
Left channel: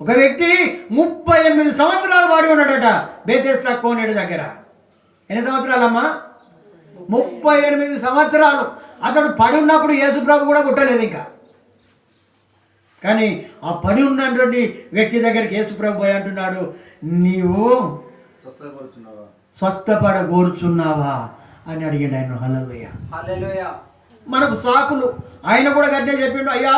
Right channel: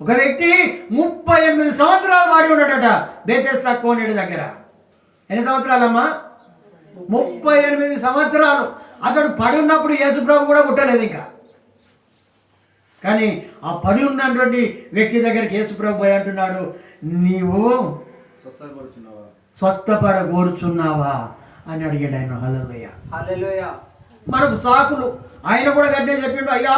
ఒక వ్యక్తి 38 సంవత్సరాలు వాడి ఉన్నాడట బేతెస్దా కోనేడు దగ్గర. ఎన్ని సంవత్సరాలమ్మా? 38 సంవత్సరాలు. అతడు పడి ఉన్నప్పుడు యేసుప్రభు కూడా పుట్టలేదు ఇంకా. కానీ ఆ పడి ఉన్నటువంటి వ్యక్తి దగ్గరికి యేసుప్రభు పోయి అంటున్నాడు, నీవు స్వస్థపడగోరుచున్నావా అని అడిగాడు ఆయన. హల్లెలూయా. మనకు సాకులు. ఆయన కూడా గట్టే చెప్పిండు, అయ్యా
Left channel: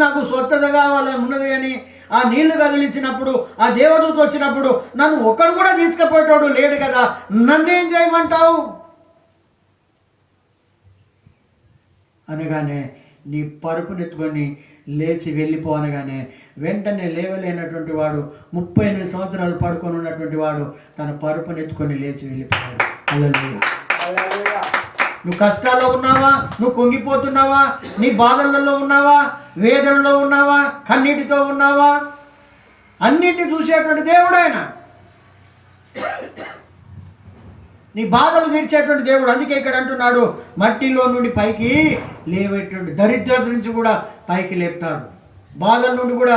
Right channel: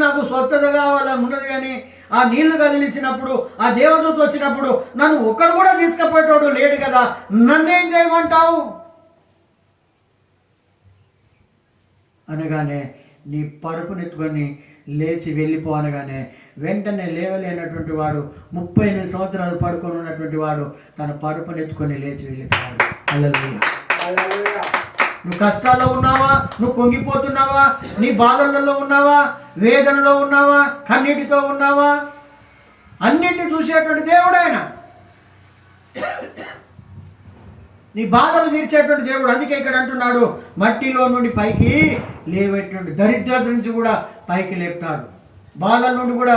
నాకు స్వస్థత కావాలని ఉన్నది, కానీ ఆ నీళ్లు కదిలించినప్పుడు, ఆ దేవదూత వచ్చినప్పుడు నన్ను ఒక్కడు కూడా తీసుకుపోయేటోడు లేడు కదా, నన్నేం చేయమంటావు అనగానే నీ పరుపునెత్తుకొని లేచి వెళ్ళిపో అనగానే వెంటనే లేవలేనటువంటి వాడు, 38 సంవత్సరాలు పడుకొని ఉన్నటువంటి వాడు తన పరుపునెత్తుకొని లేచి వెళ్ళిపోయాడు. హల్లెలూయా. నువ్వు కష్టాల్లో ఉన్నావా? నువ్వు కుంగిపోతున్నావా? నీ బాధలలో ఉన్నావా? వేదనలో ఉన్నావా? కన్నీటితో ఉన్నావా? అన్నిటిని చూసేటువంటి దేవుడు ఆయన. నీ బాధలు తీర్చేటువంటి దేవుడు. అందుకే ఇక్కడ అంటున్నాడు, మట్టిలో నుండి పైకి లేవేటువంటి, దరిద్రత నుంచి కూడా పైకి లేపుతాడు, బాధల నుండి కూడా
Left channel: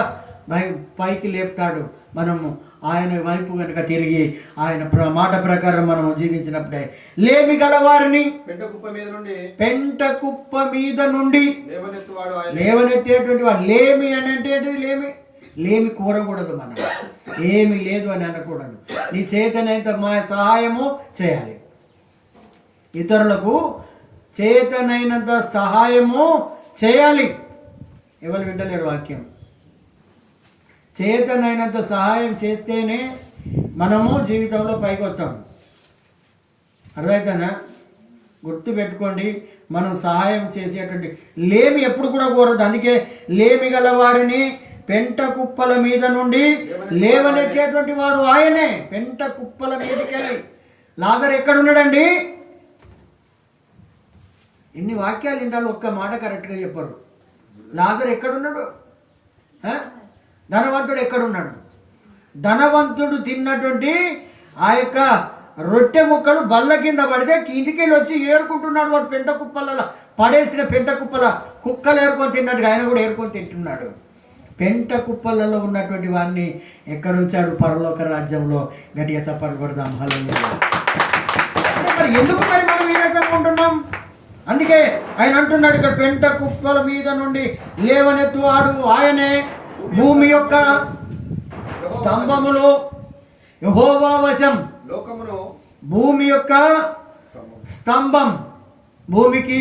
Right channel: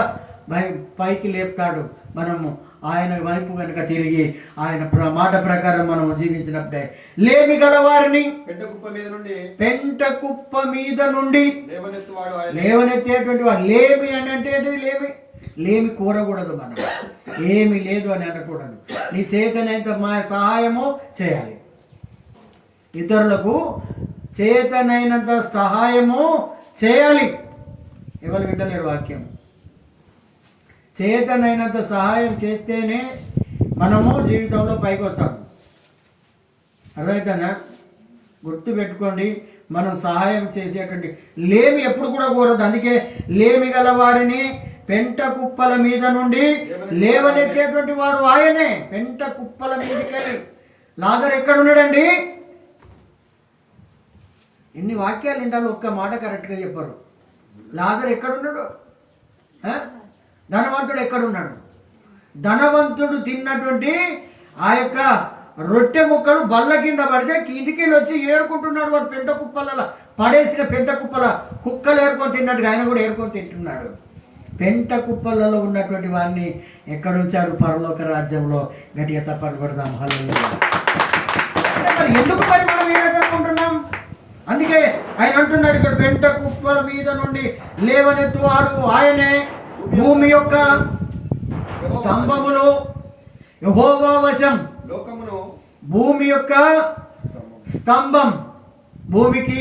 పైకి లేపుతాడు. మనము ఆయన వైపు కనుక తిరిగి ఆయన మాట ప్రకారం మనం జీవించినప్పుడే లేమి గలవారిని పెంట కుప్ప మీద నుండి లేవనెత్తేటువంటి వాడు. లేమి అని అంటే లేమి కోరకూడదు. మనం ఏమి లేదు అని అనకూడదు. నీ చేతనైనంత మా సహాయము చేయాలి. ఇతరులకు చేతనైనంత సహాయము చేయాలి. ఎవరు వింటలేరు వాక్యం. చేతనైనంత సహాయం చేస్తేనే మనము జీవితంలో పైకి వస్తాం. అర్థమవుతానా? గుర్తుపెట్టుకోండి, మనం సహాయం చేసేటువంటి లేమి ఎప్పుడు కూడా కోరదు. అందుకే లేమి గల వారిని పెంట కుప్పల మీద నుండి లేవనెత్తేటువంటి వాడు ఆయనే. పెంట కుప్పల మీదకి వెళ్ళి లాజరు ఎక్కడున్నాడండి? ఎన్ని వాక్యాలు వింటారు, ఒక్క మాట కరెక్ట్గా చెప్పరు. లాజరు ఎక్కడున్నాడు? ధనవంతుడు ఎక్కడున్నాడు? ధనవంతుడు తిన్నటువంటి ఆ యొక్క రొట్టె ముక్కలు బల్ల కింద పడితే ఇంటికెళ్ళి వచ్చి ఏరుకుంటున్నాడు. వాడు పెంట కుప్పల పడేసిన పెంట కుప్పల కుక్కలు ఏరుకొని తిన్నట్టుగా ఆయన కూడా ఏరుకొని తింటున్నాడు. పెంట కుప్పలలో ఉన్నటువంటి వాడిని ఎక్కడుంచాడు? పరలోక రాజ్యంలో. గట్టిగా చప్పట్లు కొడదాం. హల్లెలూయా. మరి ఎందుకు మరి మనం ఈ రకంగా ఉంటున్నాం? అందుకే ఆయన అంటున్నాడు ఇక్కడ, పెంట కుప్పల మీద నుండి లేవనెత్తువాడు ఆయనే, భూమి యొక్క స్తంభములు యెహోవా వశం. లోకమును భూమి యొక్క స్తంభం, భూమికి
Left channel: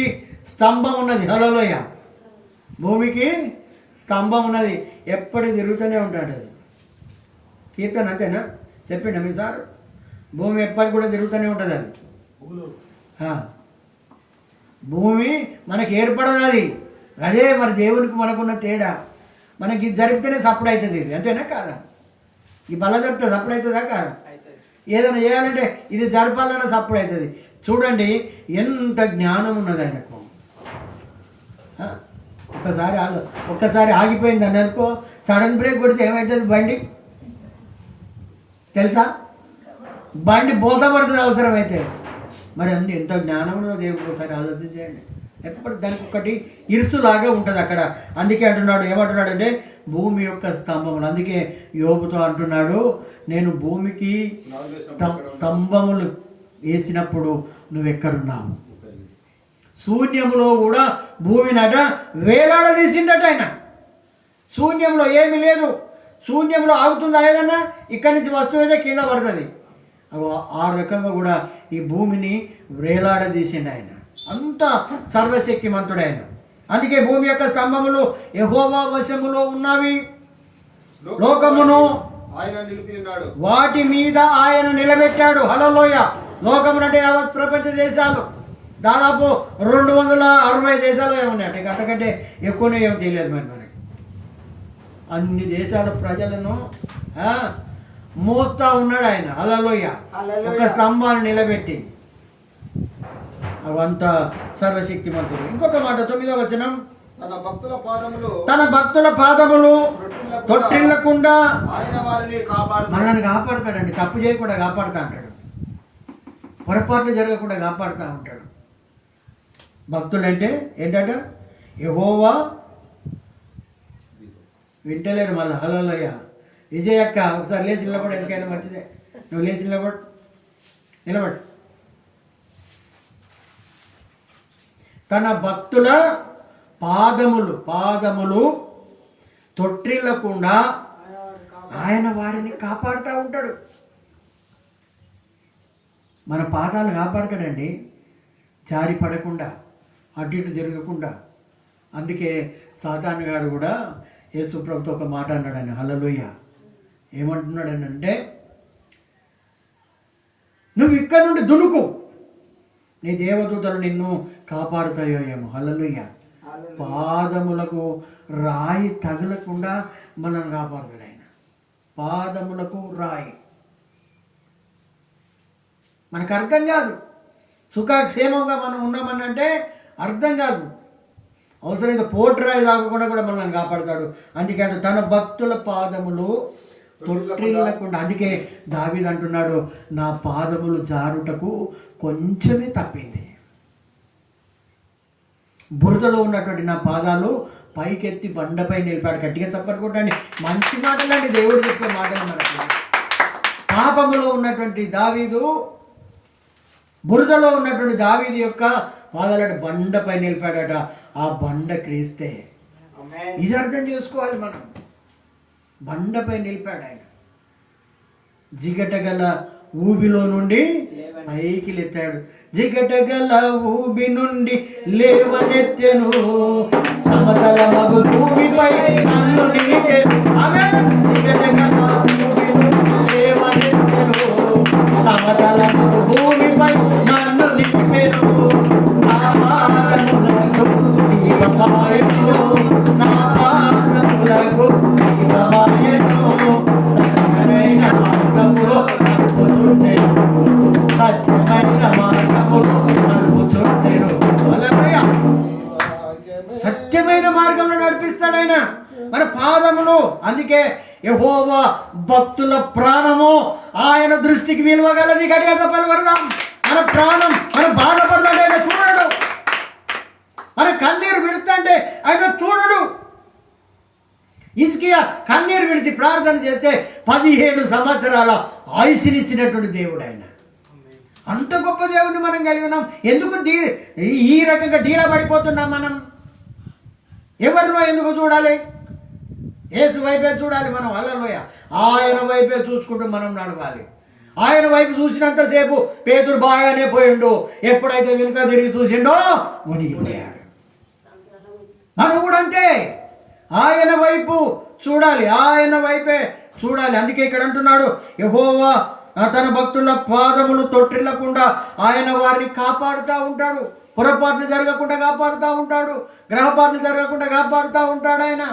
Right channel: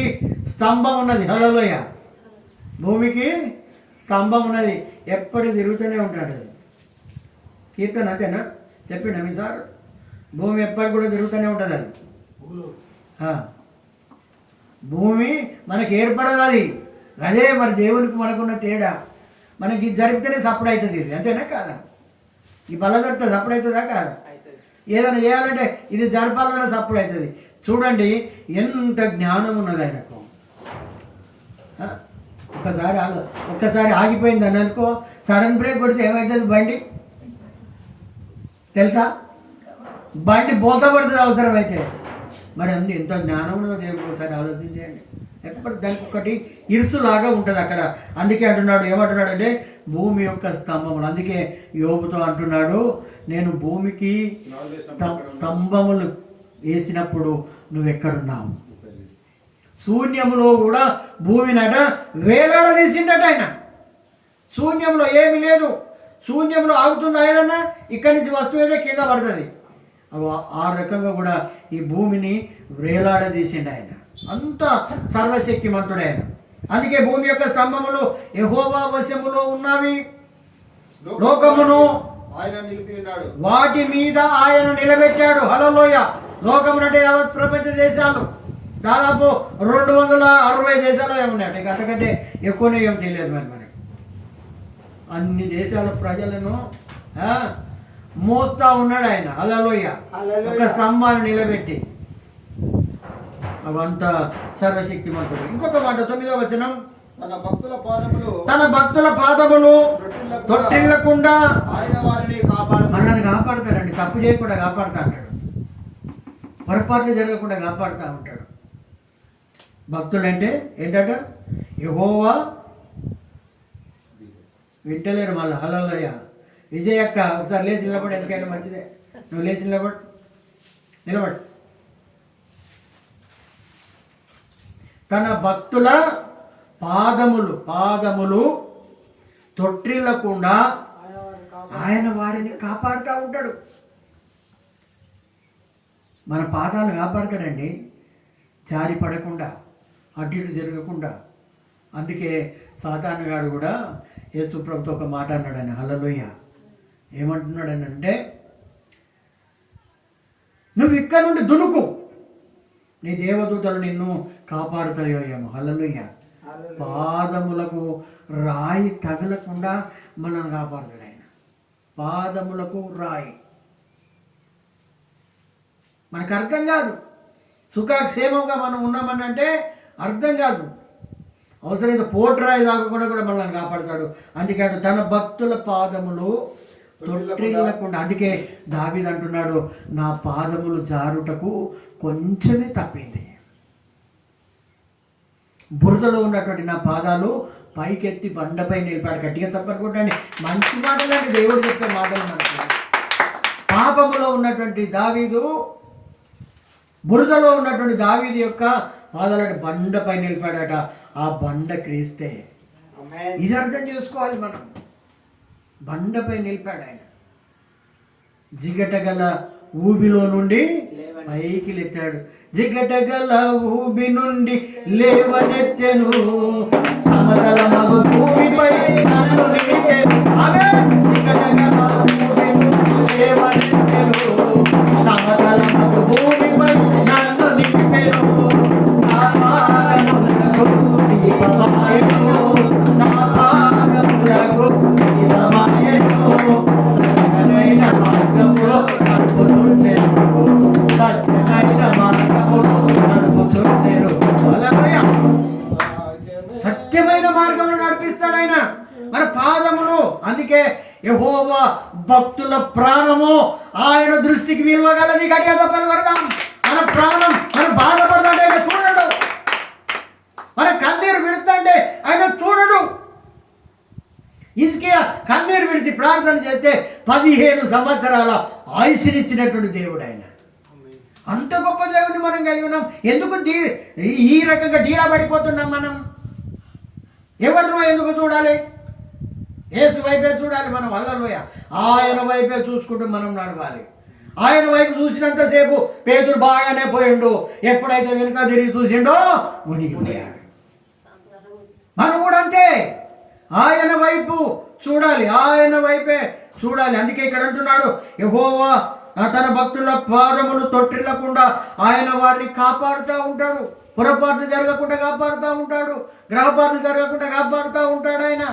స్తంభం ఉన్నది. హల్లెలూయ. భూమికి స్తంభం ఉన్నది, ఎప్పటికి తిరుగుతూనే ఉంటాడు. అది కీర్తన అంతేనా? చెప్పిండ మీ సార్? భూమి ఎప్పటికి కూడా తిరుగుతూనే ఉంటుంది. అది భూమి మనకి ఏర్పడదు. అది అదే మరి దేవునికి మనకున్న తేడా. మనకి ఇది జరిపితేనే సప్పుడు అవుతుంది. ఇది అంతేనా కాదా? ఈ బల జరుపుతుంది, సప్పుడు అవుతుందా కాదా? ఏదైనా చేయాలంటే ఇది జరపాలన్నా సప్పుడు అవుతుంది. చూడండి ఎంత జ్ఞానం ఉన్నది ఆయనకు. ఒక్కసారి ఆగిపోయింది అని అనుకో, సడన్ బ్రేక్ కొడితే ఏమవుతుంది? బండి తెలుసా? బండి బోత పడుతుంది అవసరమైతే. మరి అన్ని ఎంతో జ్ఞానం ఉన్నదో దేవుడు ఒకసారి ఆలోచించండి. ఎప్పుడు దానికి ఒకటి ఇరుసులాగా ఉంటుంది అక్కడ. అందుకే అంటున్నాడు, ఏమంటున్నాడు అంటే భూమి యొక్క స్తంభములు. అందుకే యోబుతో అంటున్నాడు, నేను భూమికి స్తంభములు వేసినప్పుడు నువ్వెక్కడున్నావు? శూన్యములో కూడా భూమినట వేలాడదీసిండట ఆయన. శూన్యంలో ఏమి లేదు. శూన్యంలో ఆగుతుందా ఏదన్నా? ఇక్కడి నుంచి వస్తువు అయితే కింద పడుతుంది. ఆ రకంగా కూడా ఈ భూమిని వేలాడదీసిండు ఆయన. అంత సర్వశక్తిమంతుడు ఆయన. అందుకే భూమి యొక్క స్తంభములు యెహోవా వశములో ఉన్నవి, లోకమును ఆయన నిలిపి ఉన్నాడు, వాటి మీద ఆయన నిలబెట్టాడు. హల్లెలూయా. లోకమునంటే యావత్ ప్రపంచ దేశాలు, దాదాపు 260 దేశాలు ఏమున్నాయట. ఇక అంతకంటే ఎక్కువనే ఏం తెలియదు మరి మనకి. అన్ని దేశాల ప్రజలను మోస్తా ఉన్నాడు ఆయన. హల్లెలూయా. ఒక స్తంభాన్ని నిలబెట్టి. అవంత సర్వశక్తిమంతుడు. ఇంకొక మాట 9వ వచనం, తన భక్తుల పాదములు తొట్టిల్లకుండా ఆయన వారిని కాపాడు. మనల్ని కాపాడుతాడండి. తప్పు చేయకుండా కాపాడుతా అంటాడు, పొరపాట్లు జరగకుండా కాపాడుతూ ఉంటాడు. భక్తుడు అంటే ఏంటట? యెహోవా వింటలేరు మళ్ళీ. హల్లెలూయా. విజయ్ అక్క ఒకసారి లేచి నిలబడి, ఎందుకైనా మంచిదే. నువ్వు లేచి నిలబడు. తన భక్తుల పాదములు తొట్టిల్లకుండా ఆయన వారిని కాపాడుతూ ఉంటాడు. మన పాదాలు కాపాడతాడండి, జారి పడకుండా, అటు ఇటు జరగకుండా. అందుకే సాతాను గారు కూడా యేసు ప్రభుతో ఒక మాట అన్నాడు ఆయన. హల్లెలూయా. ఏమంటున్నాడు అని అంటే, నువ్వు ఇక్కడ నుండి దునుకు, నీ దేవదూతలు నిన్ను కాపాడుతాయో ఏమో. హల్లెలూయా. పాదములకు రాయి తగలకుండా మనల్ని కాపాడుతాడు ఆయన. పాదములకు రాయి మనకు అర్థం కాదు. సుఖక్షేమంగా మనం ఉన్నామనంటే అర్థం కాదు. అవసరమైతే పోటురాయి దాకా కూడా మనల్ని కాపాడుతాడు. అందుకే తన భక్తుల పాదములు తొట్టిల్లకుండా. అందుకే దావీదు అంటున్నాడు, నా పాదములు జారుటకు కొంచెమే తప్పింది. బురదలో ఉన్నటువంటి నా పాదాలు పైకెత్తి బండపై నిలిపాడు. గట్టిగా చప్పట్టుకుంటాండి. మంచి మాటలండి దేవుడు చెప్పే మాటలు మనకి. పాపములో ఉన్నటువంటి దావీదు, బురదలో ఉన్నటువంటి దావీదు యొక్క పాదాలు బండపై నిలిపాడట. ఆ బండ క్రీస్తే. ఇది అర్థం చేసుకోవాలి మనం. బండపై నిలిపాడు ఆయన. జిగటగల ఊబిలో నుండి పైకి లేచాడు. జిగటగల ఊబి నుండి లేవనెత్తెను, సమతల మగు భూమిపై నన్ను నిలిచెను. జిగటగల ఊబి నుండి లేవనెత్తెను, సమతల మగు భూమిపై నన్ను నిలిపెను. నా పాదములకు దీపమాయెను, నా పాదములకు దీపమాయెను, సకలమైన మార్గములో నడుపుచుండెను, సత్యమైన మార్గములో నడుపుచుండెను. హల్లెలూయా. సత్యమైన మార్గంలో నడిపిస్తాడు ఆయన మన పాదములు. అందుకే యెహోవా భక్తుల ప్రాణము ఆయన దృష్టికి విలువగలది. గట్టిగా చెప్పగలుగుతాం. మన ప్రాణం మనం బాధపడతాడు, ఆయన చూడడు. మన కన్నీరు విడుతుంటే ఆయన చూడడు. హిజ్కియా కన్నీరు విడిచి ప్రార్థన చేస్తే 15 సంవత్సరాల ఆయుష్నిచ్చినటువంటి దేవుడు ఆయన. అంత గొప్ప దేవుని మనం కలిగి ఉన్నాం. ఎందుకు ఈ రకంగా డీలా పడిపోతున్నాం మనం? ఎవరినో ఎందుకు చూడాలి? యేసు వైపే చూడాలి మనం. హల్లెలూయా. ఆయన వైపే చూసుకుంటూ మనం నడవాలి. ఆయన వైపు చూసినంతసేపు పేతురు బాగానే పోయిండు. ఎప్పుడైతే వెనుక తిరిగి చూసిండో మునిగిపోయాడు. మనం కూడా అంతే, ఆయన వైపు చూడాలి, ఆయన వైపే చూడాలి. అందుకే ఇక్కడ అంటున్నాడు, యెహోవా తన భక్తుల పాదములు తొట్టిల్లకుండా ఆయన వారిని కాపాడుతూ ఉంటాడు. పొరపాట్లు జరగకుండా కాపాడుతూ ఉంటాడు, గ్రహపాట్లు జరగకుండా కాపాడుతూ ఉంటాడు ఆయన.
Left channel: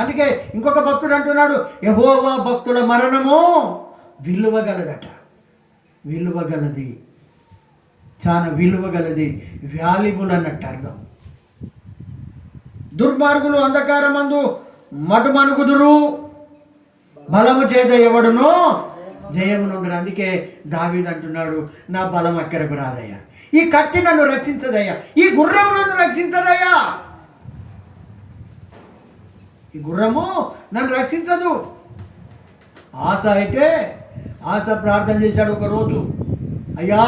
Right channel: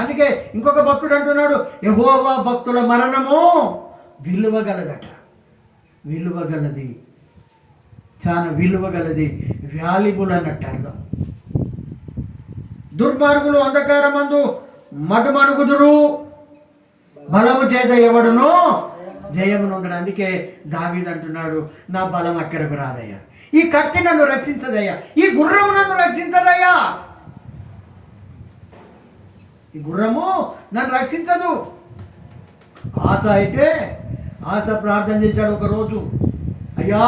అందుకే ఇంకొక భక్తుడు అంటున్నాడు, యెహోవా భక్తుల మరణము విలువగలదట. విలువగలది, చాలా విలువగలది, వాల్యుబుల్ అన్నట్టు అర్థం. దుర్మార్గులు అంధకారమందు మటుమనుగుదురు, బలము చేత ఎవడునో జయమునుండడు. అందుకే దావీదు అంటున్నాడు, నా బలం అక్కరకు రాదయ్యా, ఈ కత్తి నన్ను రక్షించదయ్యా, ఈ గుర్రము నన్ను రక్షించదయ్యా, ఈ గుర్రము నన్ను రక్షించదు. ఆశ ప్రార్థన చేశాడు ఒకరోజు, అయ్యా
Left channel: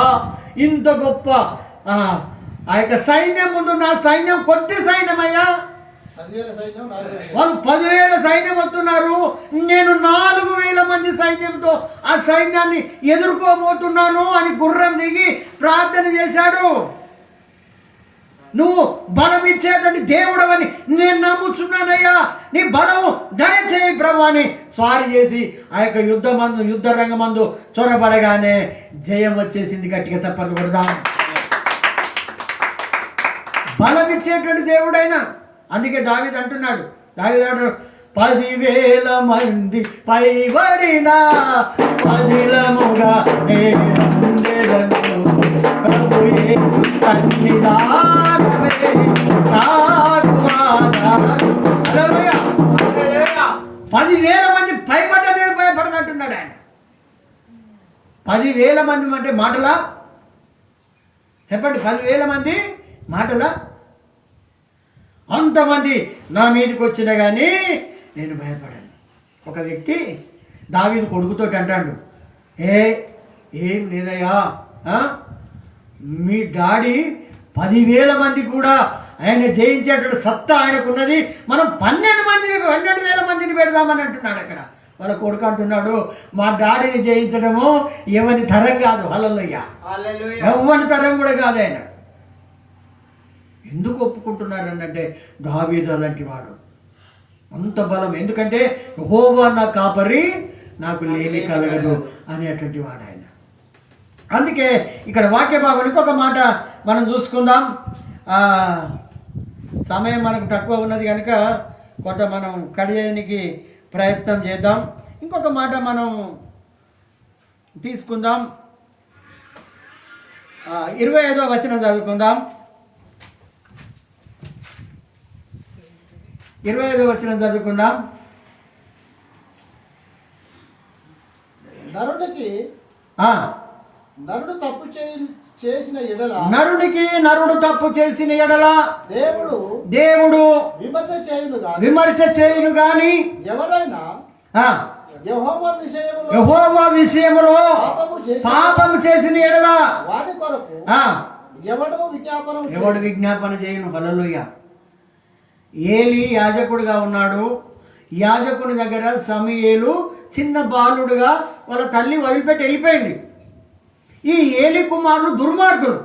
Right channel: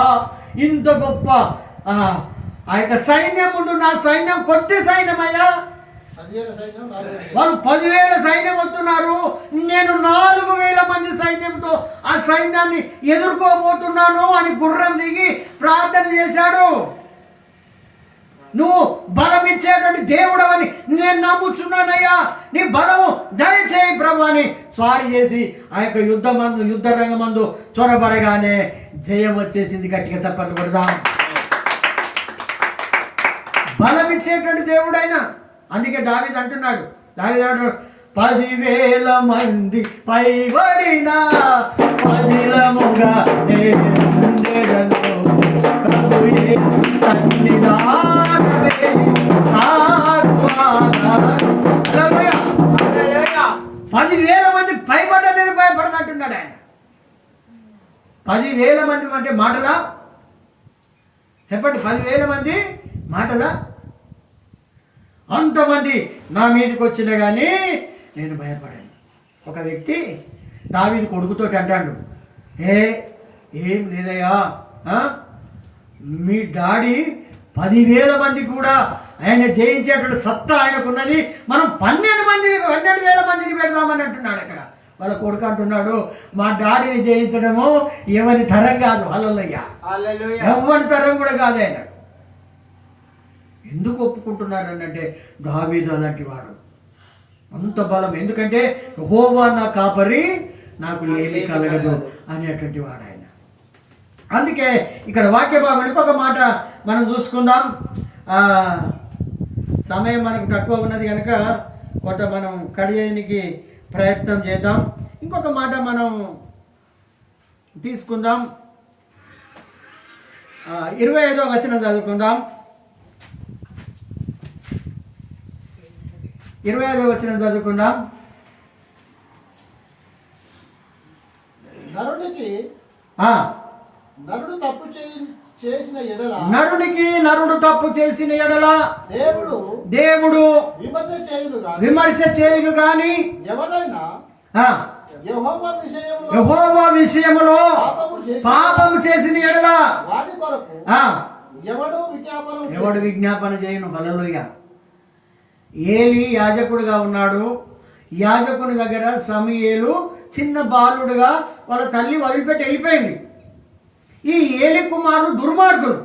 ఇంత గొప్ప ఆ యొక్క సైన్యం ముందు నా సైన్యం కొద్ది సైన్యం అయ్యా, వాళ్ళు 10,000 సైన్యం వస్తున్నారు, నేను 4,000 మంది సైన్యంతో ఆ సైన్యాన్ని ఎదుర్కోబోతున్నాను అని గుర్రం దిగి ప్రార్థన చేశాడు. నువ్వు బలం ఇచ్చేటువంటి దేవుడవని నేను నమ్ముచున్నానయ్యా, నీ బలము దయచేయి ప్రభు అని స్వారీ చేసి ఆ యొక్క యుద్ధ రంగమందు చొరబడగానే జయం వచ్చేసింది. గట్టిగా చెప్పండి కొడదాం. బలం ఇచ్చేటువంటి దేవుడైనా. అందుకే దావీదు అంటున్నాడు, 10,000 మంది పైబడిన పదిలముగా నేనుండెదను, ప్రభు యేసు సన్నిధానమే నాకు ఆధారం. హల్లెలూయా. 10,000 మంది పైబడ్డ నేను భయపడనంటున్నాడు ఆయన. 10,000 మంది అంటే మాటలా? చెప్పండి, 10,000 మంది మాటలా? అంతమంది నా మీదకి వచ్చినా కానీ నేను భయపడాను. ఒక వ్యక్తి దావీదు కొడుకుతోటి అంటాడు, ఏం లేదయ్యా, మీ డాడీ 10,000 మంది కూడా ఆయన జయించేటువంటి సత్తా ఆయనకున్నది, మనం 12,000 మందిని పెడదామని అంటున్నాడు. అక్కడ వాళ్ళ కొడుకు అంటున్నాడు, మా డాడీని జయించడము ఎవరి తరం కాదు. హల్లెలూయా. ఎవరి తరం కూడా కాదు ఆయన. ఎందుకు ఒప్పుకుంటున్నారు అంటే దావీదు అలాంటి వాడు, అంత బలం. ఎందుకంటే యెహోవా నా కాపరి, నాకు లేమి కలగదు అనేటువంటి వాడు ఆయన. అందుకే ఇక్కడ వాక్య భాగం ఇంకొక మాట మనం చూసుకుందాం. సమయం మనకు తక్కువ ఉన్నది కనుక కొంత మనం కడియడానికి ప్రయత్నం చేద్దాం. ఇంకొక మాట మనం తీసుకుందాం. 25వ వచనం చదువుకుందాం. 25వ వచనం చదువుకుందాం. నరుడు తప్పు చేసిన ఎడల, నరుడికి నరుడు తప్పు చేసిన ఎడల దేవుడు విమర్శ చేయును గాని ఎవరైనా యెహోవా విషయములో పాపము చేసిన ఎడల వాడి కొరకు ఎవడు విజ్ఞాపన చేయను. హల్లెలూయా. ఏలి యాజకుడుగా ఉన్నాడు. యాజకుని దగ్గర సమూయేలు చిన్న బాలుడుగా వాళ్ళ తల్లి వదిలిపెట్టి వెళ్ళిపోయింది. ఈ ఏలి కుమారులు దుర్మార్గులు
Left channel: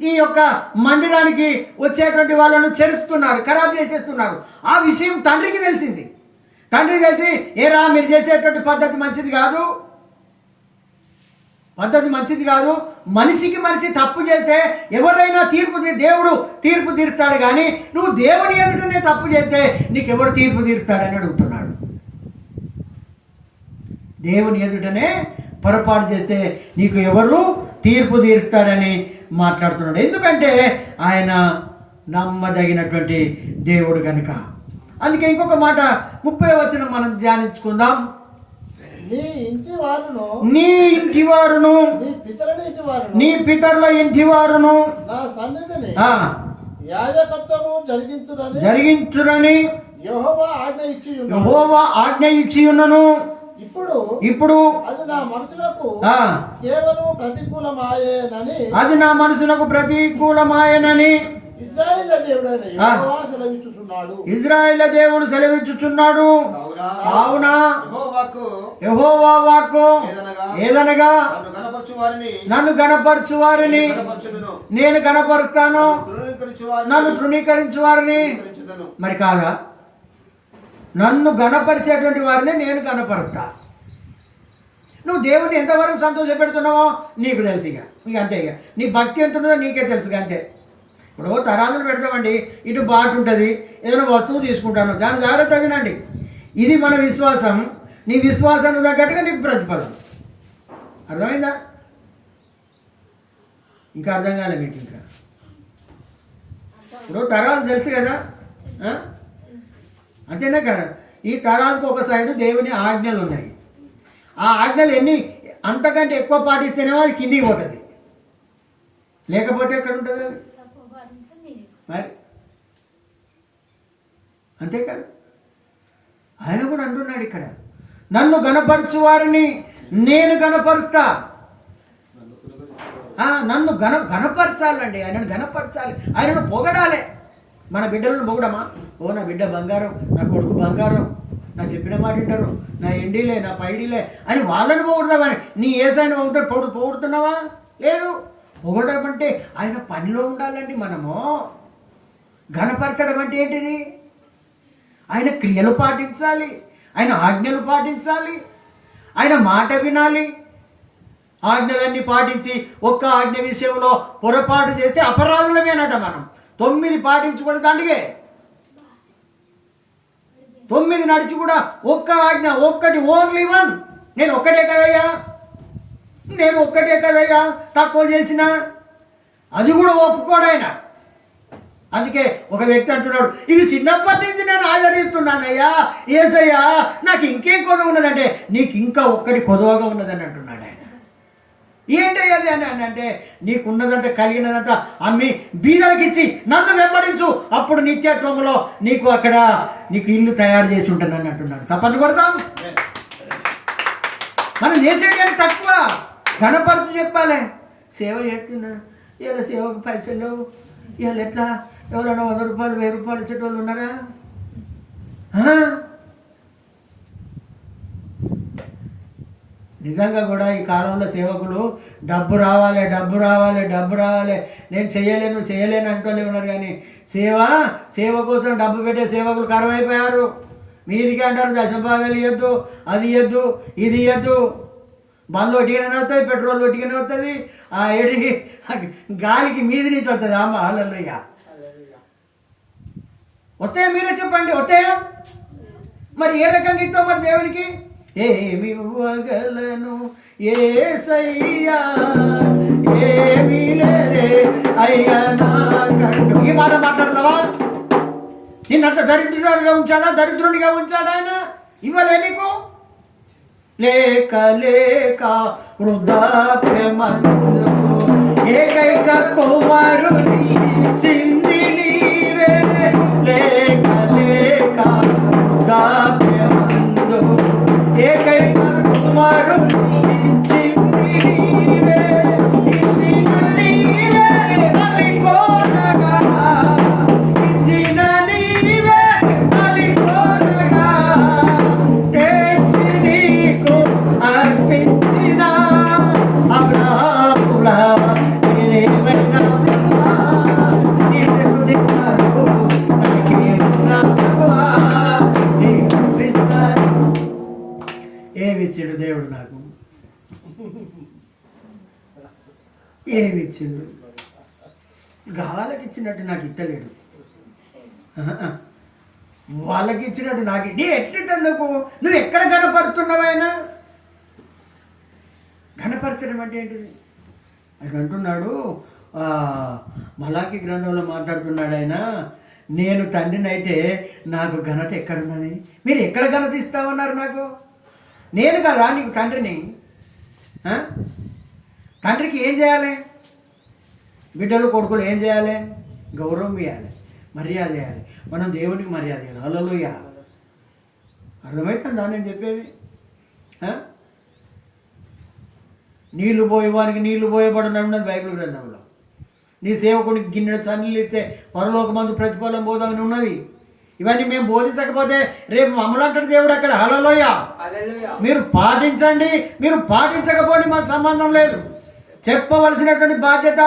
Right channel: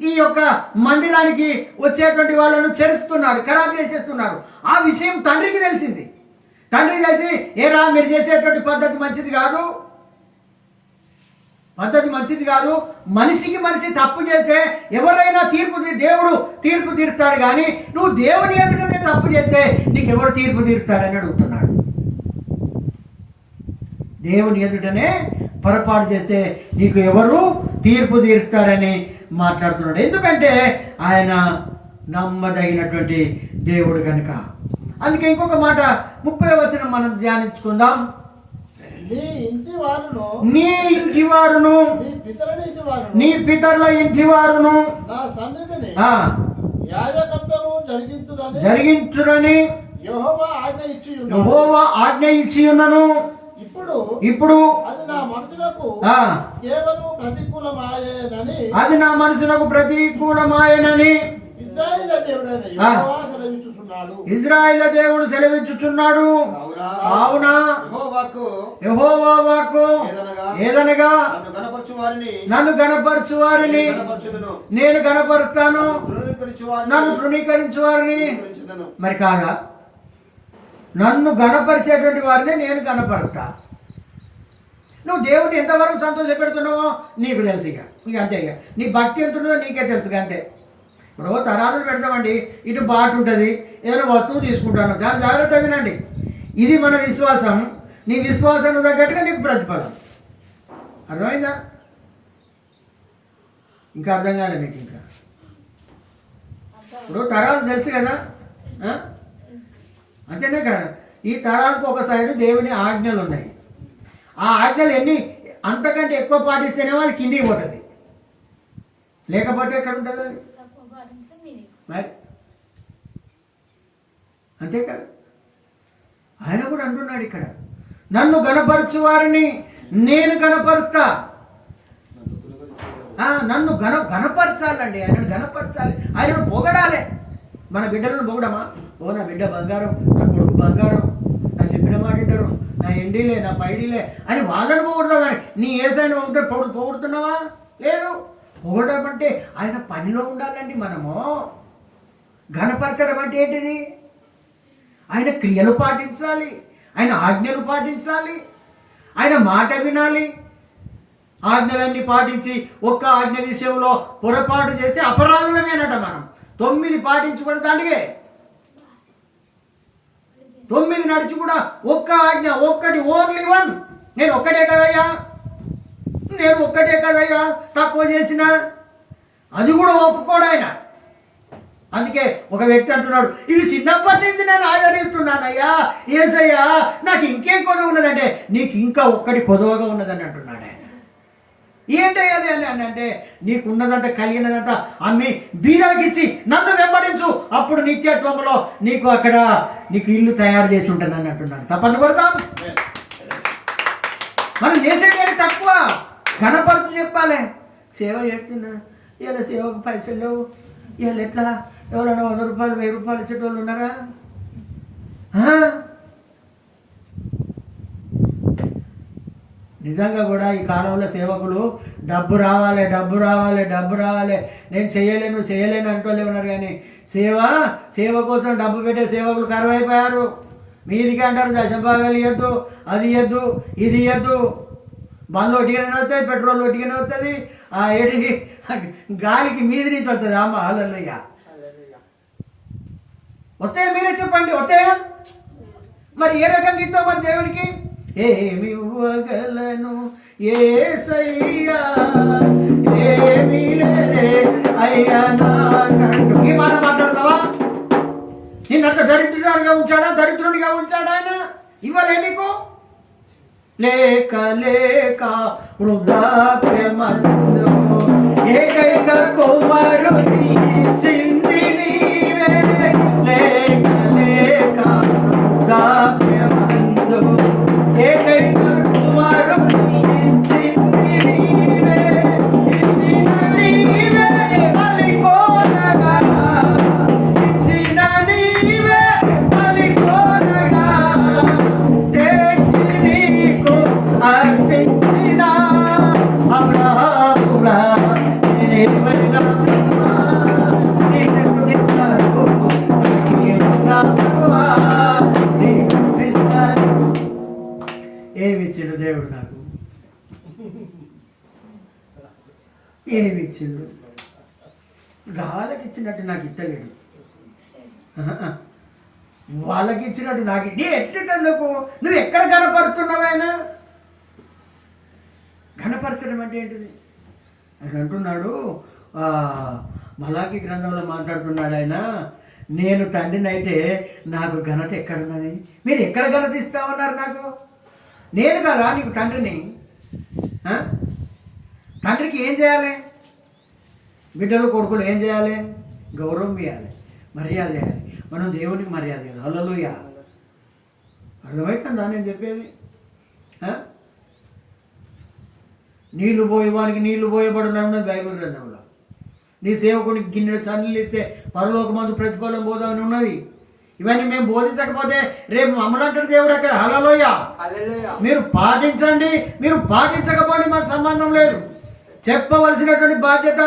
ఈ యొక్క మందిరానికి వచ్చేటువంటి వాళ్ళను చెరుస్తున్నారు, ఖరాబ్ చేసేస్తున్నారు. ఆ విషయం తండ్రికి తెలిసింది. తండ్రికి తెలిసి, ఏరా మీరు చేసేటువంటి పద్ధతి మంచిది కాదు, మనిషికి మనిషి తప్పు చేస్తే ఎవరైనా దేవుడు తీర్పు తీరుస్తాడు, కానీ నువ్వు దేవుని ఎదుటనే తప్పు చేస్తే నీకెవరు తీర్పు తీరుస్తాడని అడుగుతున్నాడు. దేవుని ఎదుటనే పొరపాటు చేస్తే నీకు ఎవరు తీర్పు తీరుస్తాడని మాట్లాడుతున్నాడు. ఎందుకంటే ఆయన నమ్మదగినటువంటి దేవుడు కనుక. అందుకే ఇంకొక మాట 30వ వచనం మనం ధ్యానించుకుందాం. నీ ఇంటి వారును నీ పితరుల ఇంటి వారును జరిగించురని యెహోవా ఆజ్ఞ ఇచ్చి ఉన్నను. ఇప్పుడు అది నా మనసులకు ఆ, కేవలం ప్రతికూలమాయేనని అది నా మనసునకు ప్రతికూలమాయనని ఇశ్రాయేలు దేవుడైన యెహోవా సెలవిచ్చుచున్నాడు. ఇజ్రాయేలు దేవుడు సెలవిచ్చుచున్నాడు. కావున యెహోవా వాక్కు ఏదనగా నన్ను గణపరచు వారిని నేను గణపరుస్తాను, నన్ను తృణీకరించు వారిని మరి కాగా నన్ను గణపరిచేటువంటి వారిని నేను గణపరుస్తా. నువ్వు దేవుడిని ఎంతవరకు సంతోష పెడుతున్నావో నీకు తెలుసు. ఇక అంతే. ఇక నీ భక్తి ఎంత ఉన్నదో నీకే తెలుసు. అంతే. ఇప్పుడు తరాలు పెడతామండి, ఇటు బాటు ఉంటుంది, ఏదైనా వస్తువు తీసుకుంటాను, దాని జాగ్రత్త వినండి. ఇది మన విశ్వాసం. నీ విశ్వాసాన్ని తగ్గట్టుగా నీకు ప్రతిఫలం. అర్థమైందా? ఇంకా అర్థం కాలే మీకు? ఇంకా ఇప్పుడు తరాలు తెలుసు కదా, అంతేనే కదా. ఈ తరాలకు ఒక సైడు దేవుని ఆజ్ఞలు ఉన్నాయి. ఆ ఆజ్ఞలు ఎన్ని అంతకంటే ఎక్కువ పాటిస్తేనేమో అది కిందికి పోతుంది, లేకపోతే ఎక్కడ ఉంటుంది అది మరి. అంతే కదా. ఆయన కూడా అంటున్నాడు ఇక్కడ, నన్ను గణపరచు వారిని నేను గణపరుస్తా. నన్ను గణపరచాలండి, ఆయనను గణపరచాలి, ఆయనను పొగడాలి. మన బిడ్డలను పొగడమా? ఓ నా బిడ్డ బంగారం, నా కొడుకు బంగారం, నా చెప్పిన మాట వింటారు, నా ఎండీలే, నా పైడీలే అని వాళ్ళని పొగుడదామని నీ ఏసైనా పొగుడుతున్నావా? లేదు. పొగడడం అంటే ఆయన పనిలో ఉండాలండి. మనము ఘనపరచడం అంటే ఏంటిది? ఆయన క్రియలు పాటించాలి, ఆయన ఆజ్ఞలు పాటించాలి, ఆయన మాట వినాలి. ఆజ్ఞలన్నీ పాటించి ఒక్క ఆజ్ఞ విషయంలో పొరపాటు చేస్తే అపరాధులమేనట. మనం 9 పాటించబడి దాండిగే 9 నడిచి కూడా ఒక్క ఆజ్ఞ, ఒక్కటి, ఓన్లీ వన్. నేను ఒక్కటే కదయ్యా తక్కువ చేసిన, అది కూడా ఒప్పుకోడు ఆయన. అందుకే ఒక వ్యక్తి అంటున్నాడు, ఇవి చిన్నప్పటి నుంచి నేను ఆచరిస్తున్నానయ్యా, ఏసయ్యా నాకు ఇంకేం కొదవ ఉన్నదంటే, నీకు ఇంకా ఒక్కటి కొదవగా ఉన్నదని అంటున్నాడు ఆయన. ఏంటయ్యది అని అంటే, నీకున్నదంతా కలిగినదంతా అమ్మి బీదలకి ఇచ్చి నన్ను వెంబడించు, అప్పుడు నిత్యత్వంలో నీకు అక్కడ నీకు ఇల్లు తయారు చేసి ఉంటానని అంటున్నాడు. తప్పని కొడతాం. మనం చేసేది కానీ తక్కువ. గణపరుచు చెప్పాలి. సేవ చేస్తున్నా, ఇలా సేవకు పైసలు లేవు, ఇలా ఎట్లా? ఎవరైనా 100 రూపాయలు 1000 రూపాయలు ఇచ్చేటోళ్ళు ఉన్నారా? నిజంగా కూడా ఈ కాలంలో సేవకులు డబ్బు రావాలి, నేను చేయలేను అంటోళ్ళు ఉన్నారు. కానీ సేవ కోసం డబ్బు పెట్టే సేవకులు కరువైపోయారు. మీదికి అంటారు దశభాగాలు ఇవ్వద్దు, అది ఇవ్వద్దు, ఇది ఇవ్వద్దు. బండ్లు ఒట్టిగానే వస్తాయి, పెట్రోల్ ఒట్టిగానే వస్తుంది, ఆ ఎడికి గాలికి మీది నుంచి వస్తుంది. అమ్మ హల్లెలూయ. వస్తాయా? మీరే చెప్పండి, వస్తాయా? మరి ఏ రకంగా ఇస్తావు మరి దేవునికి? ఏమి ఇవ్వగలను యేసయ్యా, ఏమీ లేదే అయ్యా నాకంటూ. ఈ మాట మాట్లాడతావా? నిన్నంత దరిద్రుడిగా ఉంచాడా ఆయన? ఇవ్వలే నీకు? లేక వృద్ధాప్యమందు ఏకైక కుమారుని చింది నీవే. లేక వృద్ధాప్యమందు ఏకైక కుమారుని చింది నీవే. ఇచ్చిన నీవే బలి కోరగా, ఇచ్చిన నీవే బలి కోరగా, తెచ్చి నీకు అర్పించిన అబ్రాహ్ముల నేనేమైనా ఏమిచ్చాడు దేవుడు నాకు? ఏమిచ్చిండు? వాళ్ళకి ఇచ్చినట్టు నాకు ఇస్తలేడు, వాళ్ళకి ఇచ్చినట్టు నాకు. నీ ఎట్లా నువ్వు ఎక్కడ గణపరుస్తున్నావు? ఆయన గణపరచడం అంటే ఏంటిది? ఆయన అంటున్నాడు, మలాకి గ్రంథంలో మాట్లాడుతున్నాడు ఆయన, నేను తండ్రిని అయితే నాకు ఘనత ఎక్కడున్నది? మీరు ఎక్కడ ఘనత ఇస్తామన్నారు నాకు? నేను కదా నీకు తండ్రిని. తండ్రికి ఏం చేయాలి? బిడ్డలు కొడుకులు ఏం చేయాలి? గౌరవం ఇవ్వాలి, మర్యాద చేయాలి. మనం దేవునికి మర్యాద ఇవ్వాలి. హల్లెలూయా. అర్థమవుతుందా నేను చెప్పేది? నీళ్లు పోయేవానికి నీళ్లు పోయబడును ఉన్నది బైబిల్ గ్రంథంలో. నీ సేవకునికి గిన్నెడు చన్నీళ్ళు ఇస్తే పరలోకమందు ప్రతిఫలం పోదామని ఉన్నది. ఇవన్నీ మేము బోధించకపోతే రేపు మమ్మల్ని అంటాడు దేవుడు అక్కడ. హల్లెలూయా. మీరు పాటించండి, మీరు పాటించకపోండి, మాకు సంబంధం లేదు. చెప్పవలసినటువంటి బాధ్యత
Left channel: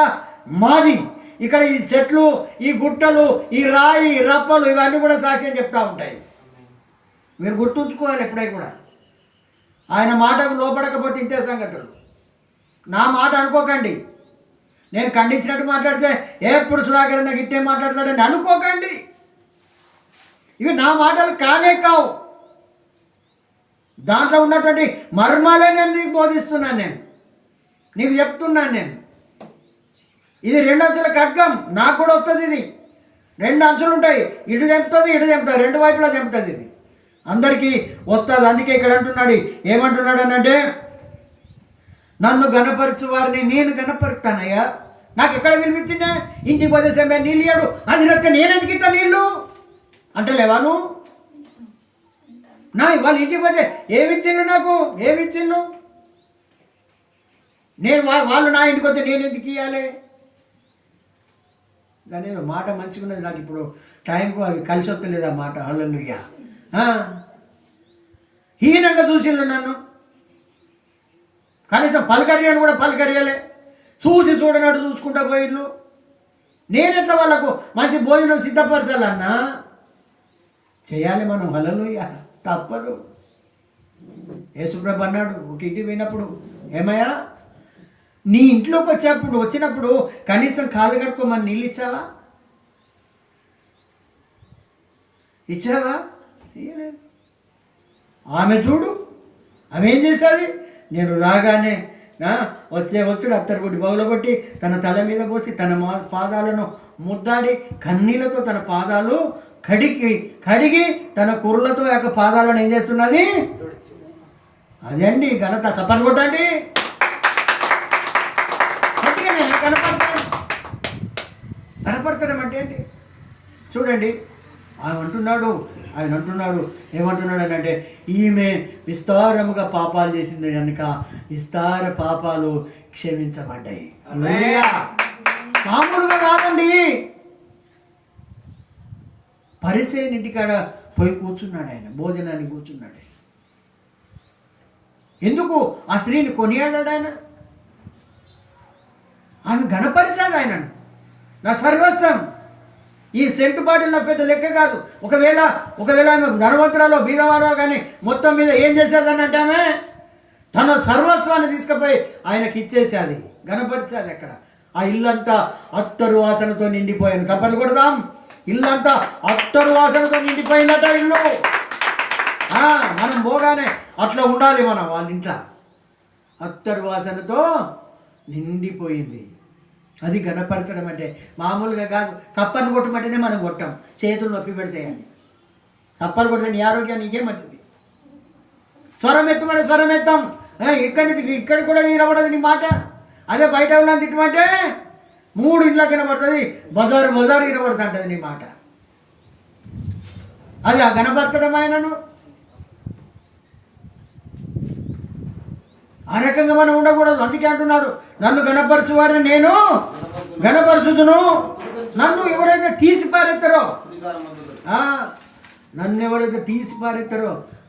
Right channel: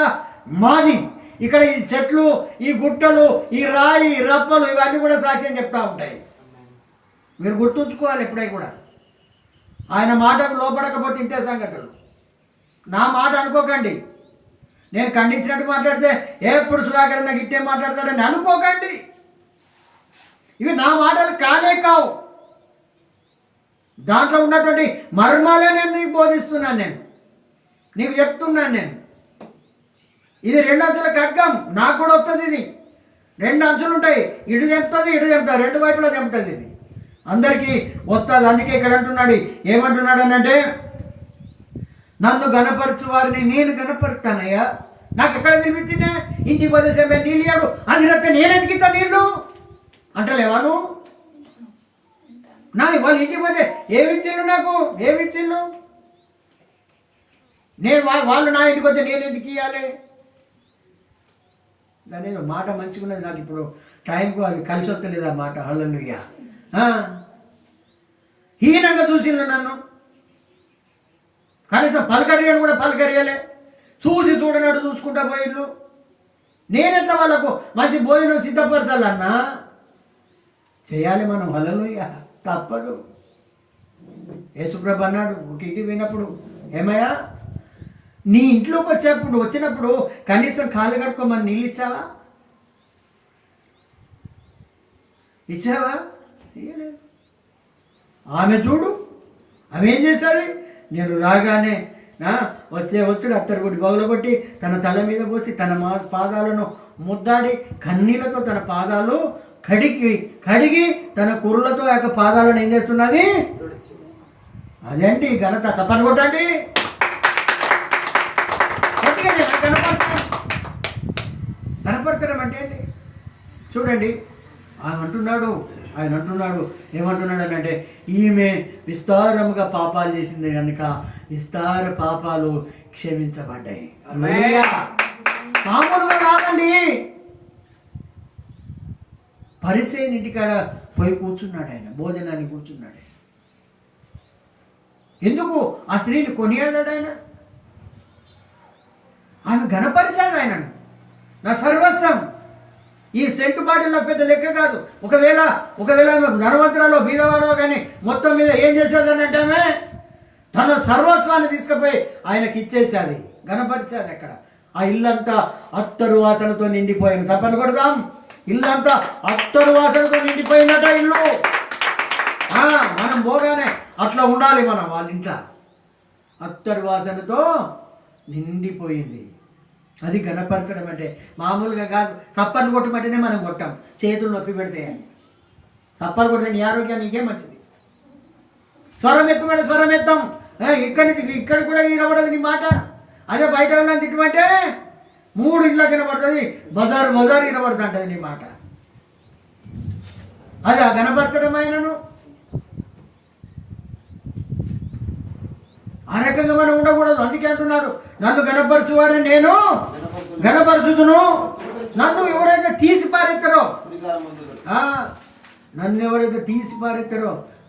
మాది. ఇక్కడ ఈ చెట్లు, ఈ గుట్టలు, ఈ రాయి, ఈ రప్పలు ఇవన్నీ కూడా సాక్ష్యం చెప్తూ ఉంటాయి. మీరు గుర్తుంచుకోవాలి ఎప్పుడై కూడా. ఆయన మాటకు లోపడకపోతే ఇంతే సంగతులు. నా మాట అనుకోకండి. నేను ఖండించినట్టు మాట్లాడితే ఎప్పుడు సుధాకర్ నాకు ఇట్టే మాట్లాడతాడని అనుకోకండి. ఇవి నా మాటలు కానే కావు. దాంట్లో ఉన్నటువంటి మర్మాలే నేను నీకు బోధిస్తున్నాను, నీకు చెప్తున్నాను నేను. ఇది 2 అంచుల ఖడ్గం. నాకు కూడా వస్తుంది. ఇది 2 అంచులు ఉంటాయి. ఇటు తెంపుతుంది, ఇటు తెంపుతుంది, 2 వైపులా తెంపుతుంది. ఇది అందరికీ వస్తుంది. అందుకే ఇక్కడ అంటున్నాడు, ఏమంటున్నాడు అనంటే, నన్ను గణపరచు వారిని నేను గణపరుస్తానయ్యా. నాకు ఎక్కడ వినిపించిందే? ఇంటికి పోతే సమయం నీళ్ళు ఇయ్యాడు, అది రక్క నేను ఎదిగిస్తా నీళ్ళు అంటలేవాను. నా వాళ్ళు ఇంటికి పోతే ఏమిచ్చిండు? నాకు ఏమిచ్చిండు? నేను వాళ్ళు నా ఇంటికి వస్తే నేను ఎందుకు ఇవ్వాలి? దాని మాట మంచిగా ఉన్నది. నాకు ఇప్పుడు టైంకు అది కలిసి వస్తలేదు ఆ మాట. హల్లెలూయా. హీనంగా చూసిండు నన్ను. కనీసం పలకరియని కూడా పలకరియలే. చూసి చూడనట్టు చూసుకుంటా పోయిళ్ళు. నేనెట్లా వాళ్ళకు మంచి భోజనం సిద్ధపరచాలన్నా చేయాలి మనం. హల్లెలూయా. తప్పదు. యేసుప్రభు అన్నాడు ఒక ఇంటికి పోయినప్పుడు, ఏమయ్యా నీ ఇంట్లోకి వచ్చినప్పుడు కనీసం కాళ్ళు కట్టుకోమని నీళ్ళు ఇచ్చావా? ఇచ్చావా? ఇయ్యలేదు. ఆమె చూడు, ఆమె ఏం చేశాది? నేను రాగానే వచ్చుడు అత్తరుగుడి బౌలగొట్టి తన తల మీద పోసి తన పాదాలను ముద్దాడి కన్నీళ్లతో తన పాదాలు కడిగి తన కుర్రలతో యొక్క పాదాలను ఏం చేస్తున్నది? అదే అండి ఘనత. సపర్ కొట్టండి. కనపరచడం అంటే ఏంటి? చూడండి, ఆయన అంటున్నాడు ఏమంటున్నాడు అంటే, ఈమె విస్తారముగా పాపాలు చేసింది కనుక విస్తార పాపాలు క్షమించబడ్డాయి. మామూలుగా కాదండి. పరిసేయుని ఇంటికాడ పోయి కూర్చున్నాడు ఆయన, భోజనానికి కూర్చున్నాడు. ఎందుకు ఆ స్త్రీని కొనియాడాడు ఆయన? ఆమె గణపరిచాడు ఆయనను. నా సర్వస్వం. ఈ సెంటు బాటిల్ నాకు పెద్ద లెక్క కాదు. ఒకవేళ ఆమె ధనవంతురాలో బీదవారో కానీ మొత్తం మీద ఏం చేసేదని అంటే ఆమె తన సర్వస్వాన్ని తీసుకుపోయి ఆయనకి ఇచ్చేసేది, గణపరిచేది. అక్కడ ఆ ఇల్లంతా అత్తరు వాసనతో నిండిపోయింది. చప్పట్లు కొడదాం. ఇల్లంతా అత్తరు వాసనతో నిండిపోయిందట ఇల్లు. మనం పోగానే అట్లా ఉండాలి మనం. వాళ్ళ ఇంట్లో అత్తరు వాసనతో నిండిపోయింది. అది గణపరచడం అంటే మామూలుగా కాదు. తప్పని కొట్టమంటేనే మనం కొట్టాం, చేతులు నొప్పి పెడతాయని. తప్పని కొడితే నీ ఆరోగ్యం నీకే మంచిది. స్వరం ఎత్తమంటే స్వరం ఎత్తాం. ఇక్కడ కూడా వినబడదు నీ మాట. అదే బయట ఉన్నది తిట్టమంటే 3 ఇంట్లోకి వినబడుతుంది, బజారు వినబడుతూ ఉంటుంది నీ మాట. అది ఆ గణపరచడం ఆయనను. ఆ రకంగా మనం ఉండకూడదు. అందుకే అంటున్నాడు, నన్ను గణపరచువారిని నేను గణపరచుదును. నన్ను ఎవరైతే తీసి పారెత్తారో,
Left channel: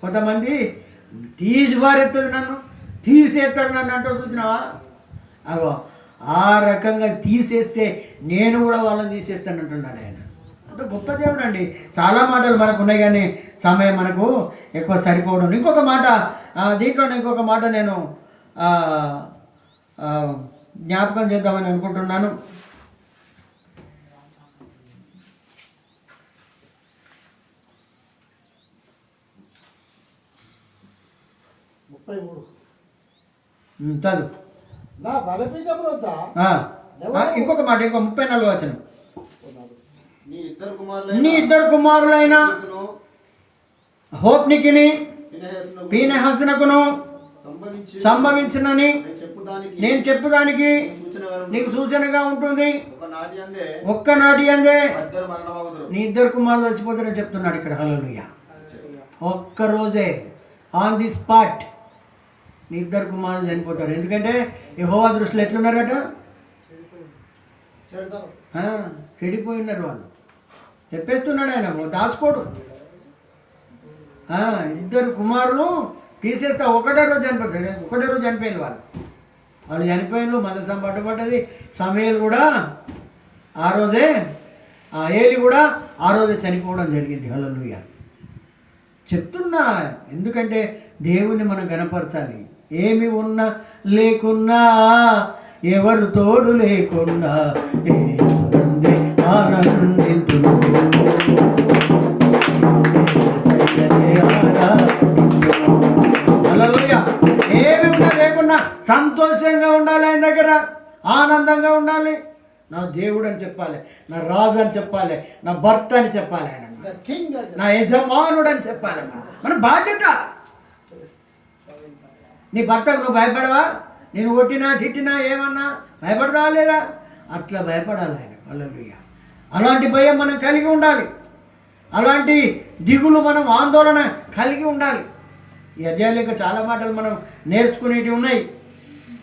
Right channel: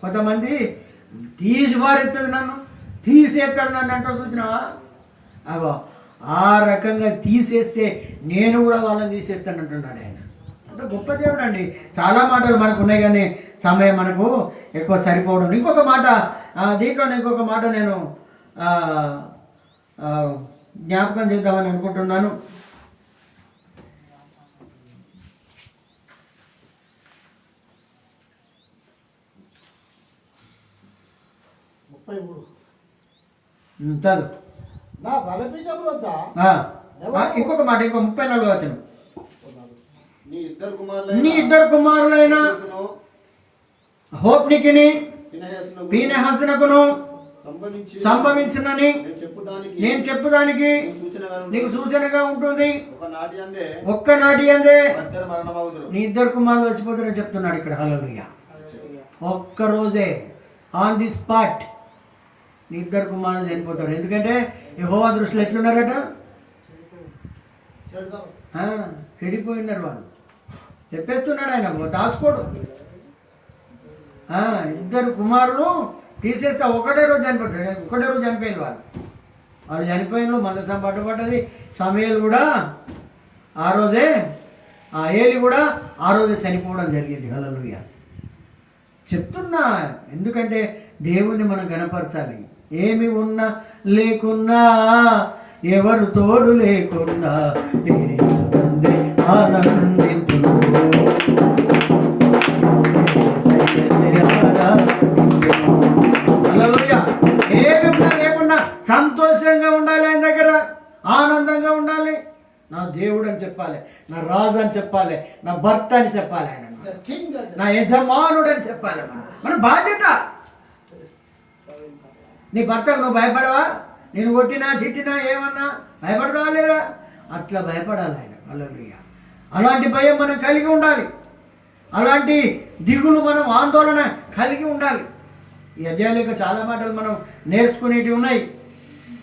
కొంతమంది తీసి పారెత్తదు, నన్ను తీసేస్తాడు నన్ను అంటారు. చూసినావా? అగో ఆ రకంగా తీసేస్తే నేను కూడా వాళ్ళని తీసేస్తాను అంటున్నాడు ఆయన. అంటే గొప్ప దేవుడు అండి. చాలా మాటలు మనకు ఉన్నాయి కానీ సమయం మనకు ఎక్కువ సరిపోవడం. ఇంకొక మాట దీంట్లోనే ఇంకొక మాట నేను జ్ఞాపకం చేద్దామని అనుకుంటున్నాను. ఇంకొక మాట, ఇంకో 34వ వచనం. నీ ఇద్దరు కుమారులైన హోప్నికిని పీనెహసునకును సంభవించినని నేను చెప్పుదానికి నీకు సూచనగా ఉంటుంది. ఒక్కనాటి అందే నీ ఇద్దరు కుమారులు చచ్చిపోతారని చెప్తున్నాడు ఇక్కడ. హల్లెలూయా. ఒక్కరోజే ఆన్ ది స్పాట్ నీ ఇద్దరు కుమారులు చనిపోతారు. ఎందుకంటే యెహోవా దృష్టిలో ఎట్లున్నారట? చెడతారు. చెడిపోయి ఉన్నారు వాళ్ళు. చెప్పేస్తున్నాడు ఆయన, దాచుకోడు. ఇద్దరు కుమారులు తీసేస్తే ఒకటే రోజు చనిపోతాడు. ఒకటే రోజు చనిపోయిన వాళ్ళు చనిపోయిన మందసం పట్టుబడ్డది. సమయలు కూడా ఆ రోజే, ఏలి కూడా ఆ రోజే చనిపోవడం జరిగింది. హల్లెలూయా. చెప్తున్నా, ఎందుకంటే దేవుణ్ణి మనం గణపరచాలి. ఏమి ఉన్నా లేకున్నా, ఎవరు తోడు లేకున్నా, ఆనందింతును. హల్లెలూయా. ఏమి ఉన్నా లేకున్నా సంతోషంగా ఉండాలి, ఆయన దగ్గర ఆనందంగా ఉండాలి. నా దేవుడు అని చెప్పాలి, నా రాజు అని చెప్పాలి, నా భర్త అని చెప్పాలి, ఆయన The king of the- నా యజమానుడు అని చెప్పాలి. మన బాధ్యత. నీ భర్తకు నువ్వు భయపడవా? నేను కొట్టినా తిట్టినా ఏమన్నా భయపడతావా లేదా? అట్లా భయపడాలి ఆయన. హల్లెలూయా. అలాంటి భయం మనం కలిగి ఉండాలి. అలాంటి దిగులు మనం, ఆందోళన కలిగి ఉండాలి. ఈ అధ్యాయంలో ఇంకా చాలా మాటలు మనం నేర్చుకునేటివి ఉన్నాయి.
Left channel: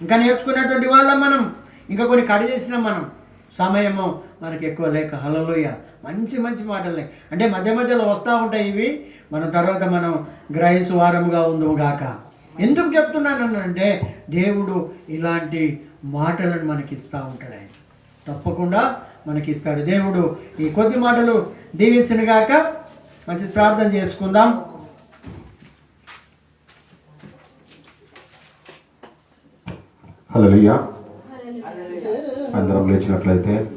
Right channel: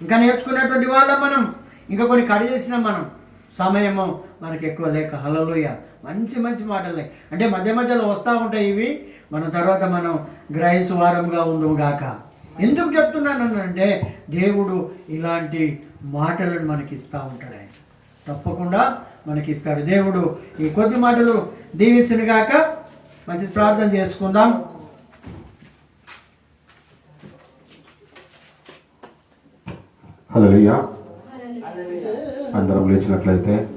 ఇంకా నేర్చుకునేటువంటి వాళ్ళం మనం. ఇంకా కొన్ని కడి చేసినాం మనం. సమయము మనకి ఎక్కువ లేక. హల్లెలూయా. మంచి మంచి మాటలే అంటే మధ్య మధ్యలో వస్తూ ఉంటాయి ఇవి. మనం తర్వాత మనం గ్రహించు వారముగా ఉందుము గాక. ఎందుకు చెప్తున్నానంటే దేవుడు ఇలాంటి మాటలను మనకి ఇస్తూ ఉంటాడు. ఆయన తప్పకుండా మనకి ఇస్తాడు. దేవుడు ఈ కొద్ది మాటలు దీవించిన గాక. మంచి ప్రార్థన చేసుకుందాం. హల్లెలూయా. అందరం లేచినట్లయితే